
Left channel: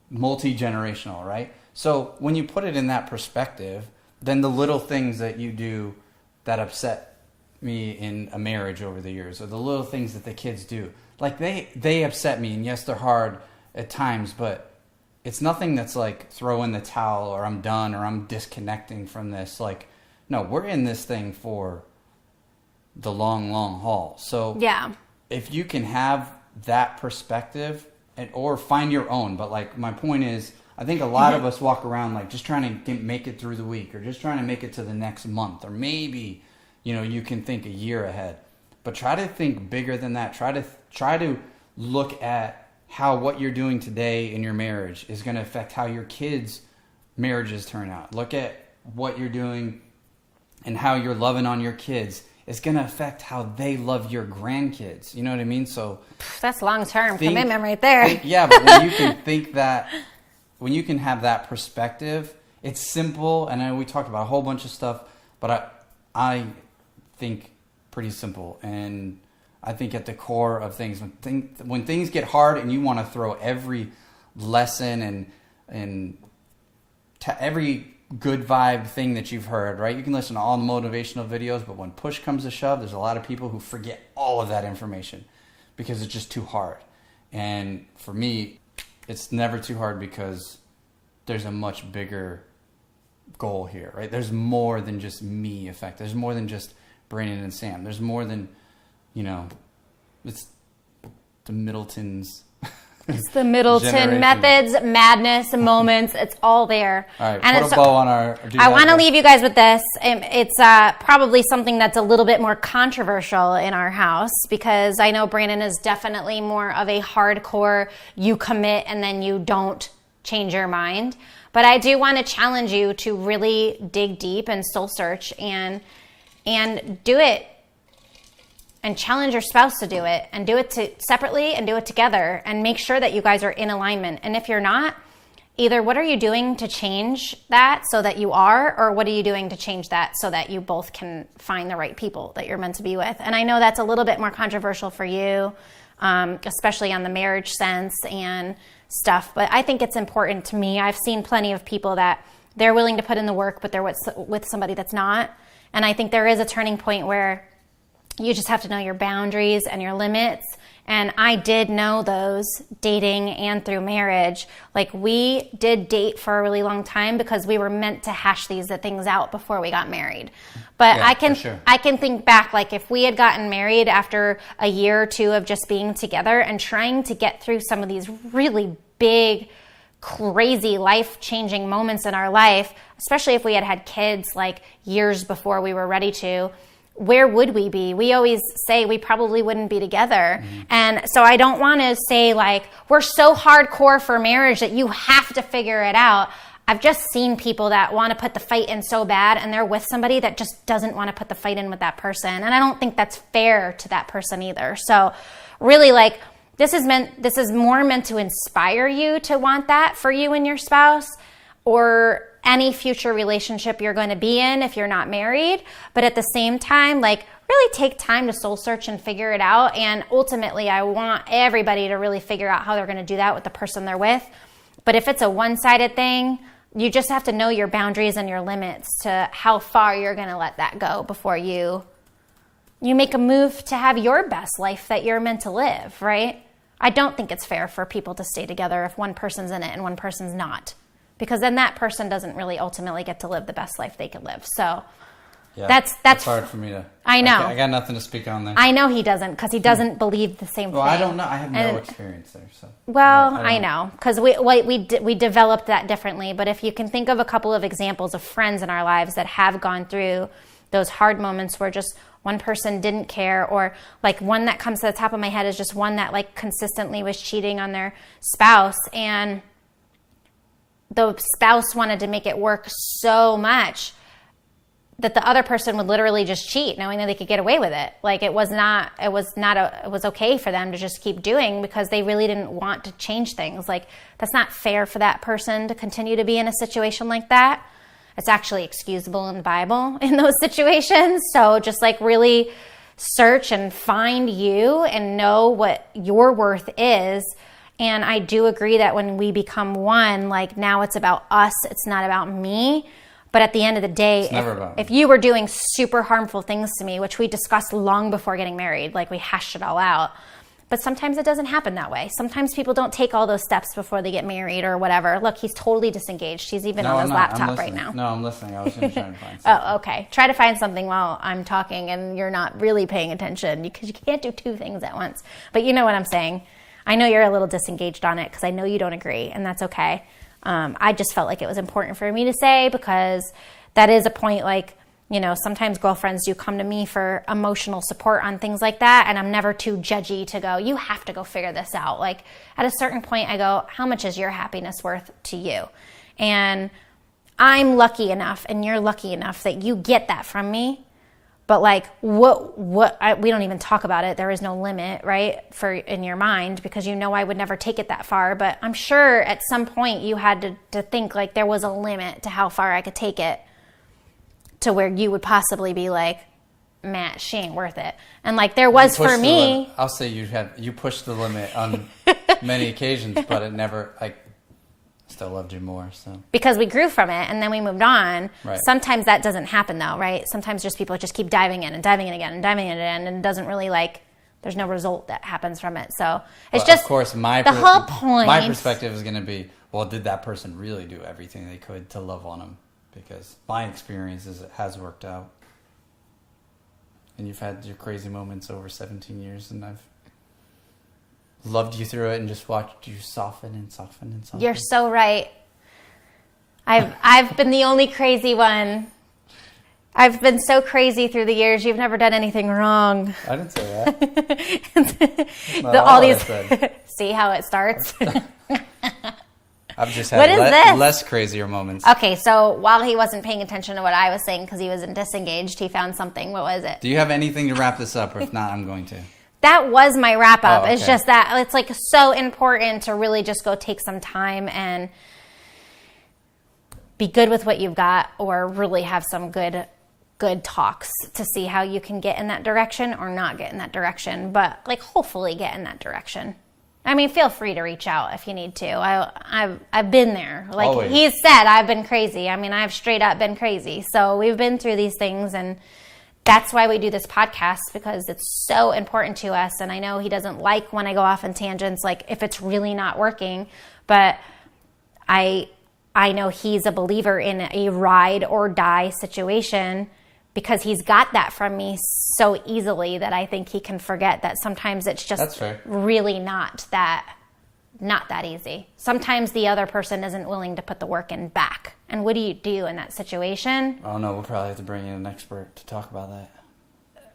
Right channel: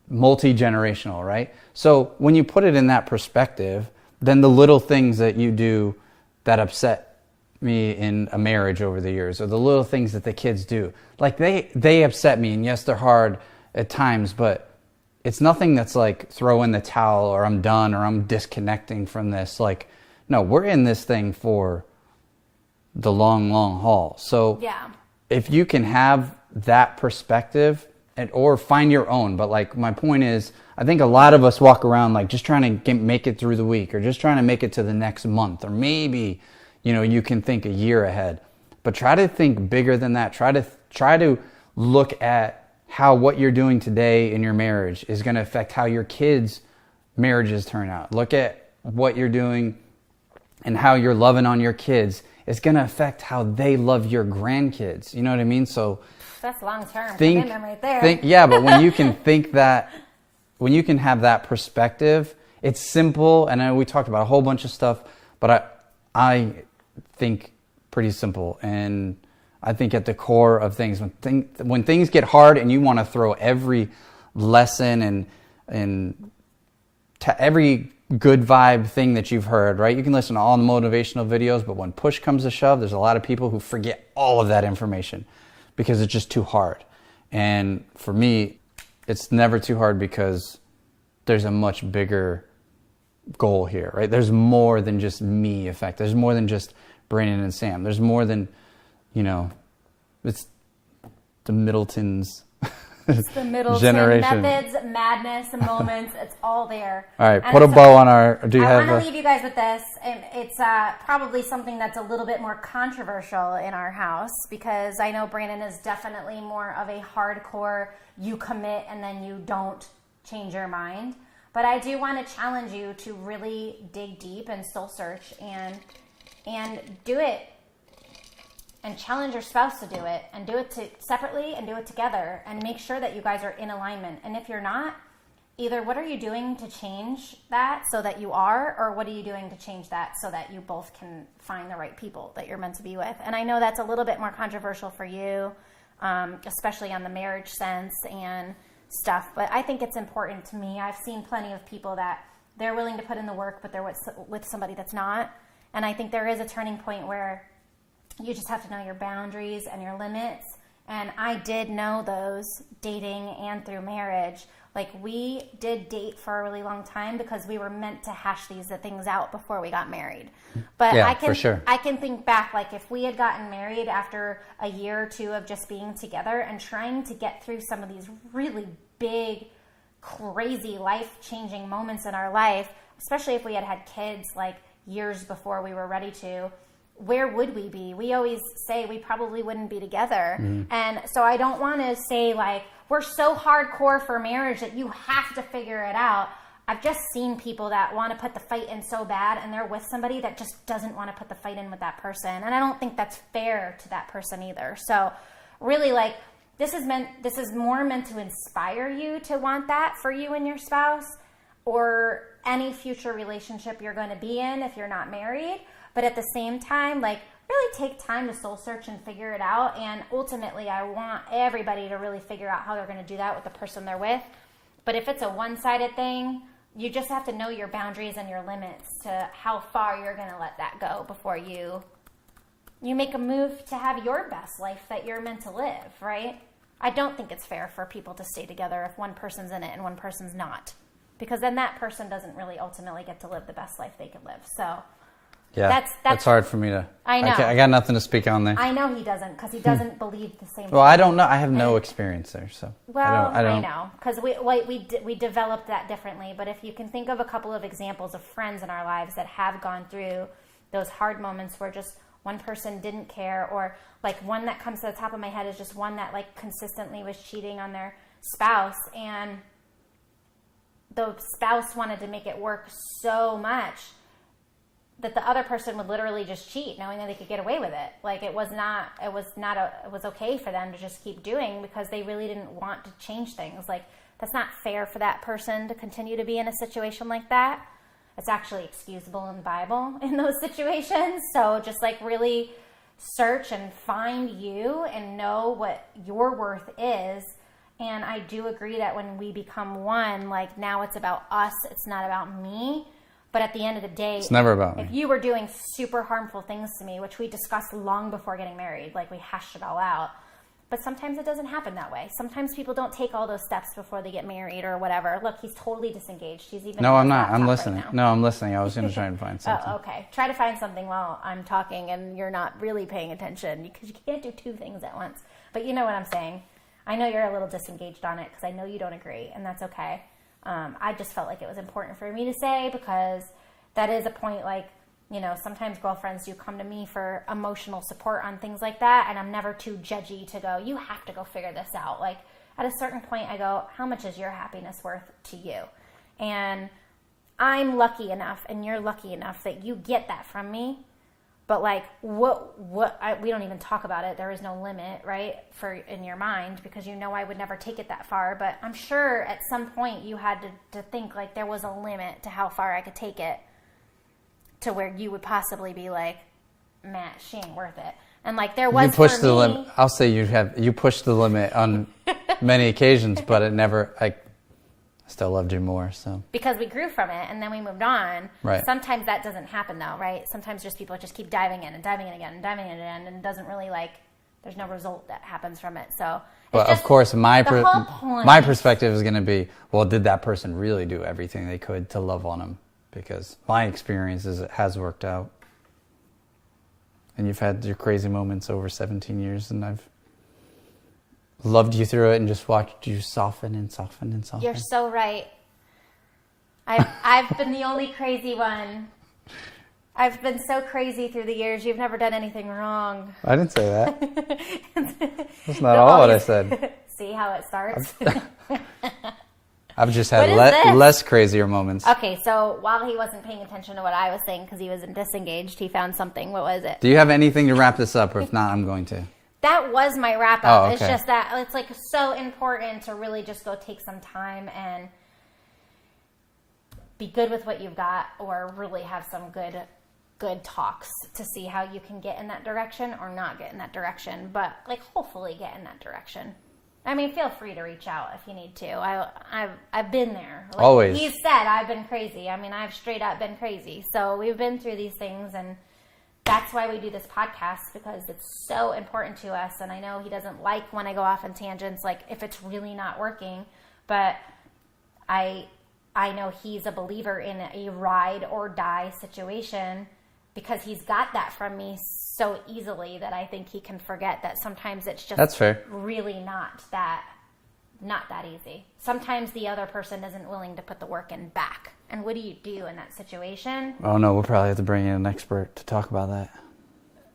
multi-generational, right? So when you put it in that perspective, then the little things that you do that upset me in a marriage over the years, or the little things that the kids do, like, they upset me, and yes, they're hard at times, but it's nothing that's like throw in the towel or I'm done or I'm disconnecting from this. Like, no, we're in this thing for the long haul. So yeah, if you can have that perspective or find your own, but like, my point is, I think a lot of us walk around like just trying to make it through the week, or just trying to make it to the next month, or maybe, you can think a year ahead, but try to think bigger than that. Try to look at how what you're doing today in your marriage is going to affect how your kids' marriages turn out. Look at what you're doing and how you're loving on your kids. It's going to affect how they love your grandkids. You know what I mean? So that's long-term commitment right there. Yeah, but when you can think that, when you can have that perspective, it's simple. And we talked about a whole bunch of stuff, but I think pretty simple. And I think at the core of things, when things get hard and you want to throw every lesson and every good vibe thing that you've heard, right? You can listen to all the motivational videos, but when push comes to shove, there's a lot of people who forget all of that information because it's just too hard. And for me, it's never too hard because there's a much bigger goal here, right? There's more than just me effect. There's more than just Brandon and Sam. There's more than, it's the Middletons. It's the Middleton Generation. Methods, madness, moments. It's all there. All right, put a bow on our... I want to leave you guys with this. It's probably something that's a little bit more controversial in our house, because I know Brandon is definitely more of a hardcore, you commit and then you don't change your mind. But I do want to challenge you to really dig deep and soul search and do it. And challenge your spouse to do it, and do it separately and do it together, and make sure that you guys are in alignment. And if you're not, either what are you doing to change that so that you are, or what are you doing to change that so that you both can find the right people that you're meant to be with? And I know that's a little bit more controversial for you, especially on the marriage sense and stuff, but I think it's important to me. I've seen plenty of people that they're willing to put in the work, but they're with somebody that's not. And I think there is a turning point where you just have to know your boundaries and your limits. And I did know those dating and through marriage. Like, we did date for a really long time because we were meant to hash these things out before we got married. But yeah, I can think back, like, if we had gotten married after a year or two of just being together and trying to get through some of these really big, crazy, life-changing moments in our life, especially if we had kids like years before we were ready to, where would we be? We always say we probably wouldn't be together. Mm-hmm. And so I don't want to say, like, we're so hardcore for marriage that you have to figure it out. I've just seen people that want to put the fight in so bad, and they're with somebody that just doesn't want to put the fight in with that person. And I don't think that's fair to that person either. So really, like, this is more meant to inspire you to want that for you and your spouse, or any future relationship you're going to be in if you're not married. But at the same time, like, really take time to soul search and figure it out. And ultimately, I want everybody to really figure out how they're going to do that with the person they're with. But if it's a one-sided thing, you just have to know your boundaries and your limits to how far you're going to let that go before you make a move to have your best life that you're meant to live, right? I don't think it's fair for people to stay together if one person's in it and one person's not. Because then that person doesn't really ultimately get to live the best life they could live. So yeah, that's hard for me to... I know. I got nothing to speak on there. I know he doesn't, because he doesn't believe the same thing. Well, I don't know. I have no experience there, so... Well, I know, because we developed that differently. But if you can think of a couple of examples of friends in our lives that have gone through those hard moments where just one person didn't care, or like one that comes to the top of my head is just one that like consistently was cheating on their spouse, and the spouse wanted to make it work so much that the other person would literally just cheat, knowing that they could get away with it. Like it was okay for them to just keep doing, because they really didn't want to change things. Like that's not fair for that person to continue to be in a situation like that. It's actually excusable in the Bible in those situations. So just like really search and find you and know what your worth is. And I do agree that when we become one, like now it's about us, it's not about me. But at the end of the day, it's never about me. If you were doing super harmful things to me, which we discussed long before getting married, like we hashed it all out. But sometimes it doesn't happen that way. Sometimes people don't take all those steps before they get married or whatever. Look, he's totally disengaged. He's even on his laptop right now. No, I'm listening. I was going to try and find something. Oh, okay. Try to find something while I'm talking and you're not really paying attention, because you can't do two things at once. But you know what I'm saying. I know you're a little disengaged on it because I know you don't agree, and that's okay. I just felt like it was important for me to say, because that is a point, like, you know, sometimes girlfriends do come to me for emotional support on things like that, and I'm never too judgy to go, you have to go figure this out. Like, at a certain point, I go, how much is your happiness worth to you? And I'm lucky enough, and you're lucky enough that you get that from me. But like, we don't even talk about it. There is no limit, right, in your mind, because you know I would never take it that far. But I'm sure at some point you had to think like there was a limit to how far I could take it, to where you would possibly be like, Matt, she ain't worth it. And like there was for me. I'll say you pushed the limit on many occasions, but it never, I still loved you more. So because we grew from it and then we moved on. Right. Sometimes that doesn't happen though, right? Sometimes just people just keep diving in and diving in again and diving in again, and it doesn't really like, there's no result that happens from it. So it's just, of course, the whole point. My perspective is going to be, well, did that person really do everything they could to love on him? Because my experience is it has worked out. And you've had your crazy moments over 17 years, and I've loved you through it and just watched you soften and soften and soften. You're so right. I've been the only crazy one. I've been so crazy through the years. You've never done anything wrong. I didn't say that. That's not all I said. See how it starts? I've just had less crazier moments. Okay, so while he wasn't paying attention to what I was saying because he was disengaged, he found something. What was it? Do you have anything to wrap this up? Or if not, I'm going to. That was my wrap up. Oh, okay. It's just that it's like so important to really just go take some time and be good with what you've got, or really have some good talks to see how you can get in that direction or not get in that direction, but like hopefully get in that direction. I mean, feel free to reach out if you need to. I've been there. Like Always. He said, I've been crazy. I mean, I've straight up been crazy. So we've been through these things, and that's why we do this podcast, because it's so important to us. And I know he doesn't like when I go off on tangents, like if it's really not working, but I know he's a believer in a ride or die situation, because he's got that from me so easily that I think he can forget that sometimes it's just That's fair. really not that easy. Sometimes the other person isn't willing to put the work in back. And what do you do in that situation? Oh no, we'll probably have to bring in an expert to talk about that.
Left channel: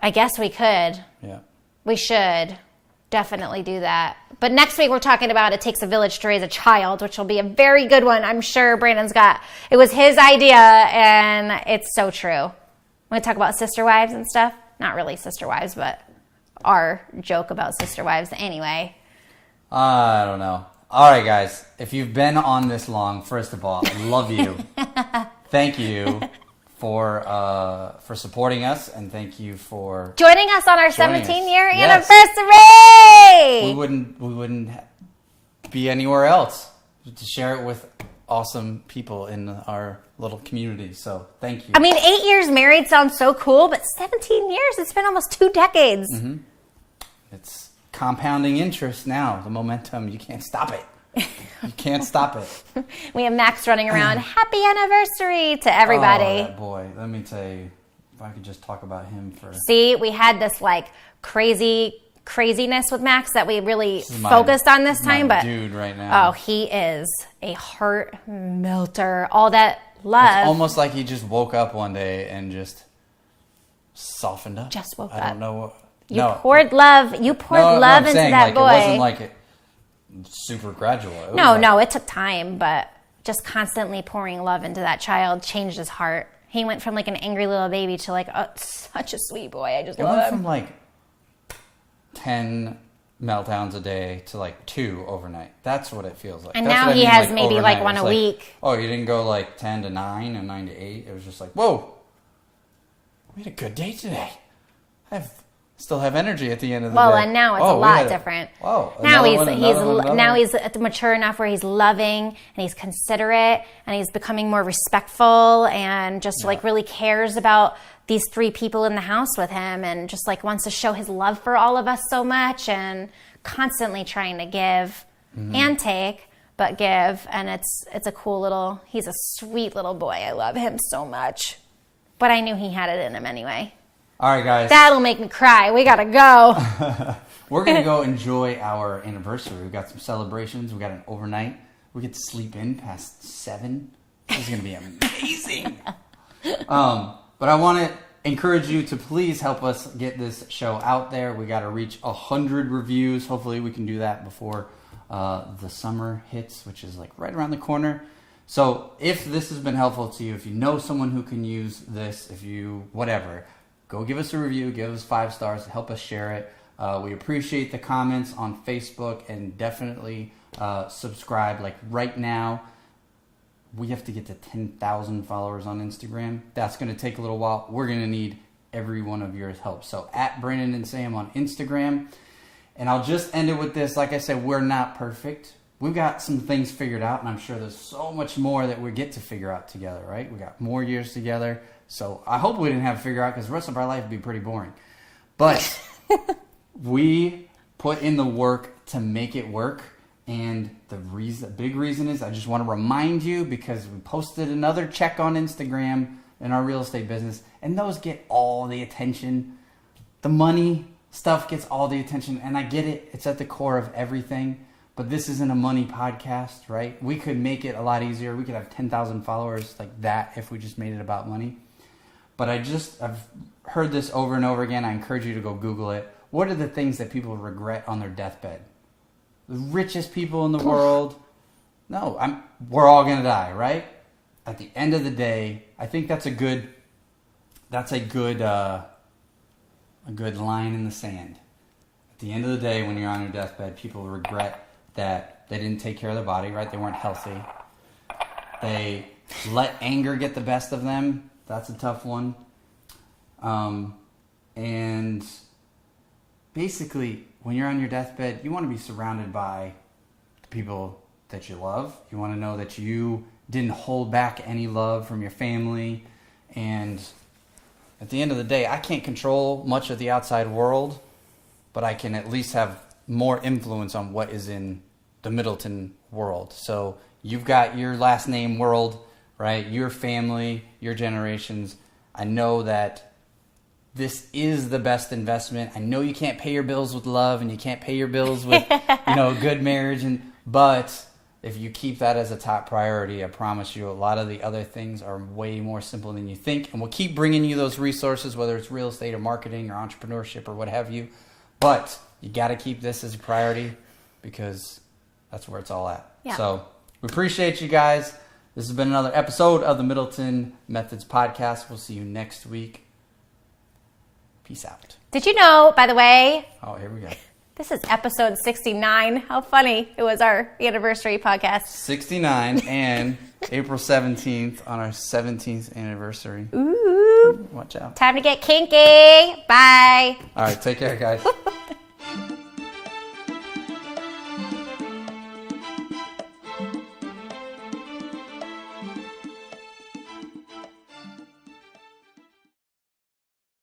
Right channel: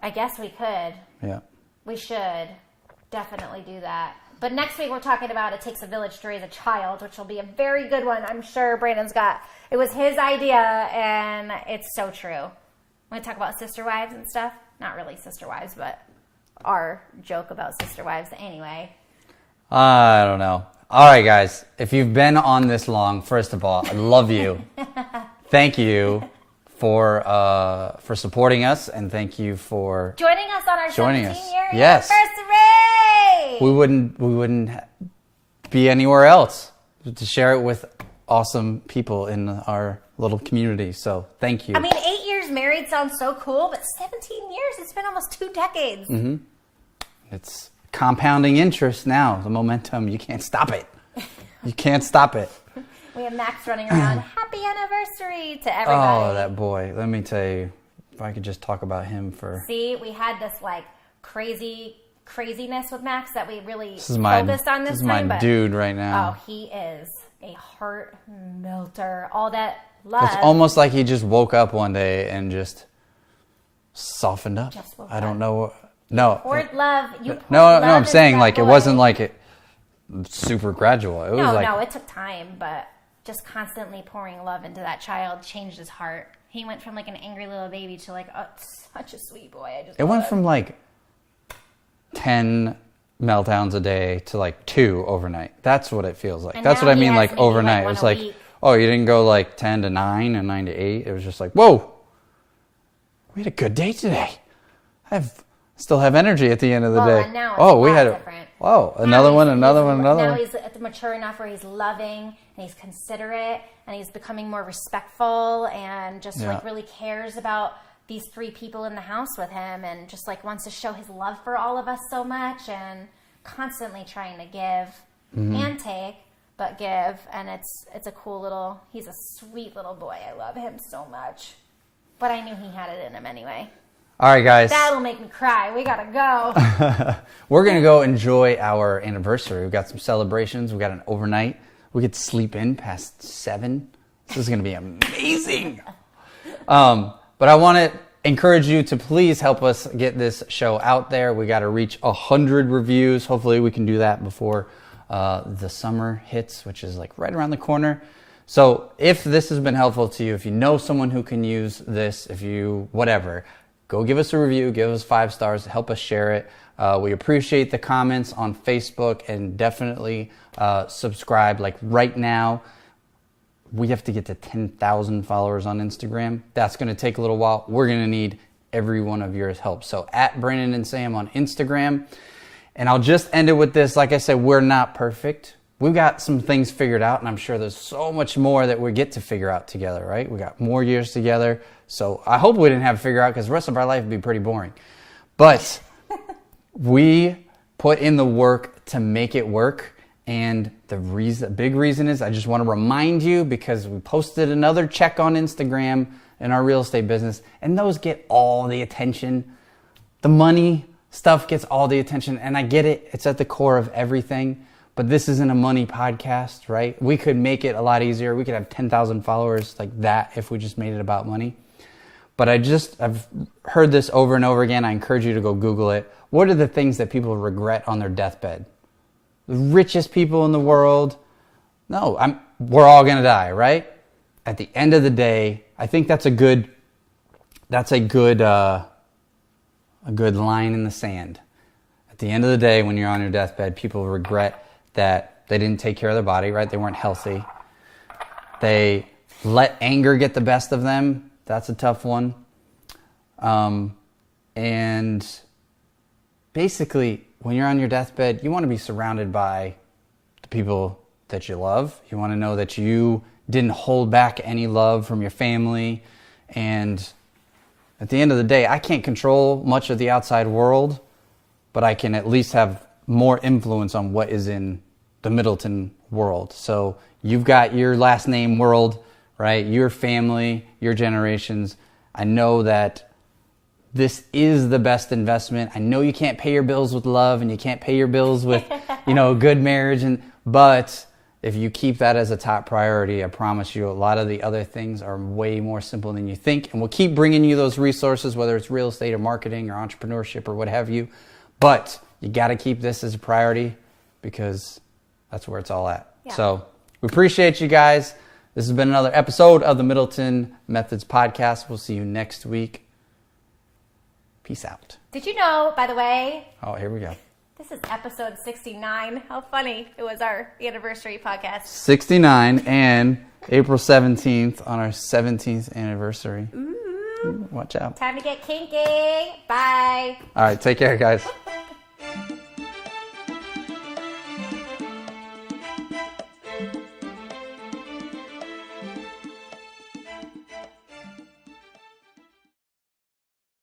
I guess we could. Yeah. We should definitely do that. But next week we're talking about It Takes a Village to Raise a Child, which will be a very good one. I'm sure Brandon's it was his idea, and it's so true. Want to talk about sister wives and stuff? Not really sister wives, but our joke about sister wives anyway. I don't know. All right, guys. If you've been on this long, first of all, I love you. Thank you for supporting us, and thank you for joining us on our 17-year Yes. anniversary. We wouldn't be anywhere else to share it with awesome people in our little community. So thank you. I mean, 8 years married sounds so cool, but 17 years, it's been almost 2 decades. Mm-hmm. It's compounding interest now. The momentum, you can't stop it. You can't stop it. We have Max running around, happy anniversary to everybody. Oh, that boy. Let me tell you, if I could just talk about him for... See, we had this like craziness with Max that we really focused on this time. But dude right now. Oh, he is a heart melter. All that love. It's almost like he just woke up one day and just softened up. Just woke up. I don't know. You poured love. You poured love I'm into saying that like boy. it wasn't like it super gradual. It was No, it took time, but just constantly pouring love into that child changed his heart. He went from like an angry little baby to like such a sweet boy. It went from like 10 meltdowns a day to like 2 overnight. That's what it feels like. And that's now what I he mean, has like maybe overnight. like one it's a like, week. oh, you didn't go like 10 to 9 and 9 to 8. It was just like, whoa, we had a good day today. Still have energy at the end of the day. Well, and now it's a lot different. Oh, another one. Now he's mature enough where he's loving and he's considerate and he's becoming more respectful and just like really cares about these 3 people in the house with him and just like wants to show his love for all of us so much and constantly trying to give and take, but give. And it's a cool he's a sweet little boy. I love him so much. But I knew he had it in him anyway. All right, guys. That'll make me cry. We gotta go. We're going to go enjoy our anniversary. We've got some celebrations. We got an overnight. We get to sleep in past 7. This is going to be amazing. But I want to encourage you to please help us get this show out there. We got to reach 100 reviews. Hopefully we can do that before the summer hits, which is like right around the corner. So if this has been helpful to you, if you know someone who can use this, whatever, go give us a review, give us 5 stars, help us share it. We appreciate the comments on Facebook and definitely subscribe. Like right now, we have to get to 10,000 followers on Instagram. That's going to take a little while. We're going to need every one of your help. So at Brandon and Sam on Instagram. And I'll just end it with this. Like I said, we're not perfect. We've got some things figured out, and I'm sure there's so much more that we get to figure out together, right? We got more years together. So I hope we didn't have to figure out because the rest of our life would be pretty boring. But we put in the work to make it work. And the big reason is I just want to remind you because we posted another check on Instagram in our real estate business, and those get all the attention. The money stuff gets all the attention, and I get it. It's at the core of everything. But this isn't a money podcast, right? We could make it a lot easier. We could have 10,000 followers like that if we just made it about money. But I've heard this over and over again. I encourage you to go Google it. What are the things that people regret on their deathbed? The richest people in the world? No, we're all going to die, right? At the end of the day, I think that's a good line in the sand. At the end of the day, when you're on your deathbed, people regret that they didn't take care of their body, right? They weren't healthy. They let anger get the best of them. That's a tough one. And basically, when you're on your deathbed, you want to be surrounded by the people that you love. You want to know that you didn't hold back any love from your family. And at the end of the day, I can't control much of the outside world, but I can at least have more influence on what is in the Middleton world. So you've got your last name world, right? Your family, your generations. I know that this is the best investment. I know you can't pay your bills with love and you can't pay your bills with, a good marriage. But if you keep that as a top priority, I promise you a lot of the other things are way more simple than you think. And we'll keep bringing you those resources, whether it's real estate or marketing or entrepreneurship or what have you. But you got to keep this as a priority because that's where it's all at. Yeah. So we appreciate you guys. This has been another episode of the Middleton Methods podcast. We'll see you next week. Peace out. Did you know, by the way? Oh, here we go. This is episode 69. How funny. It was our anniversary podcast. 69 and April 17th on our 17th anniversary. Ooh. Watch out. Time to get kinky. Bye. All right. Take care, guys.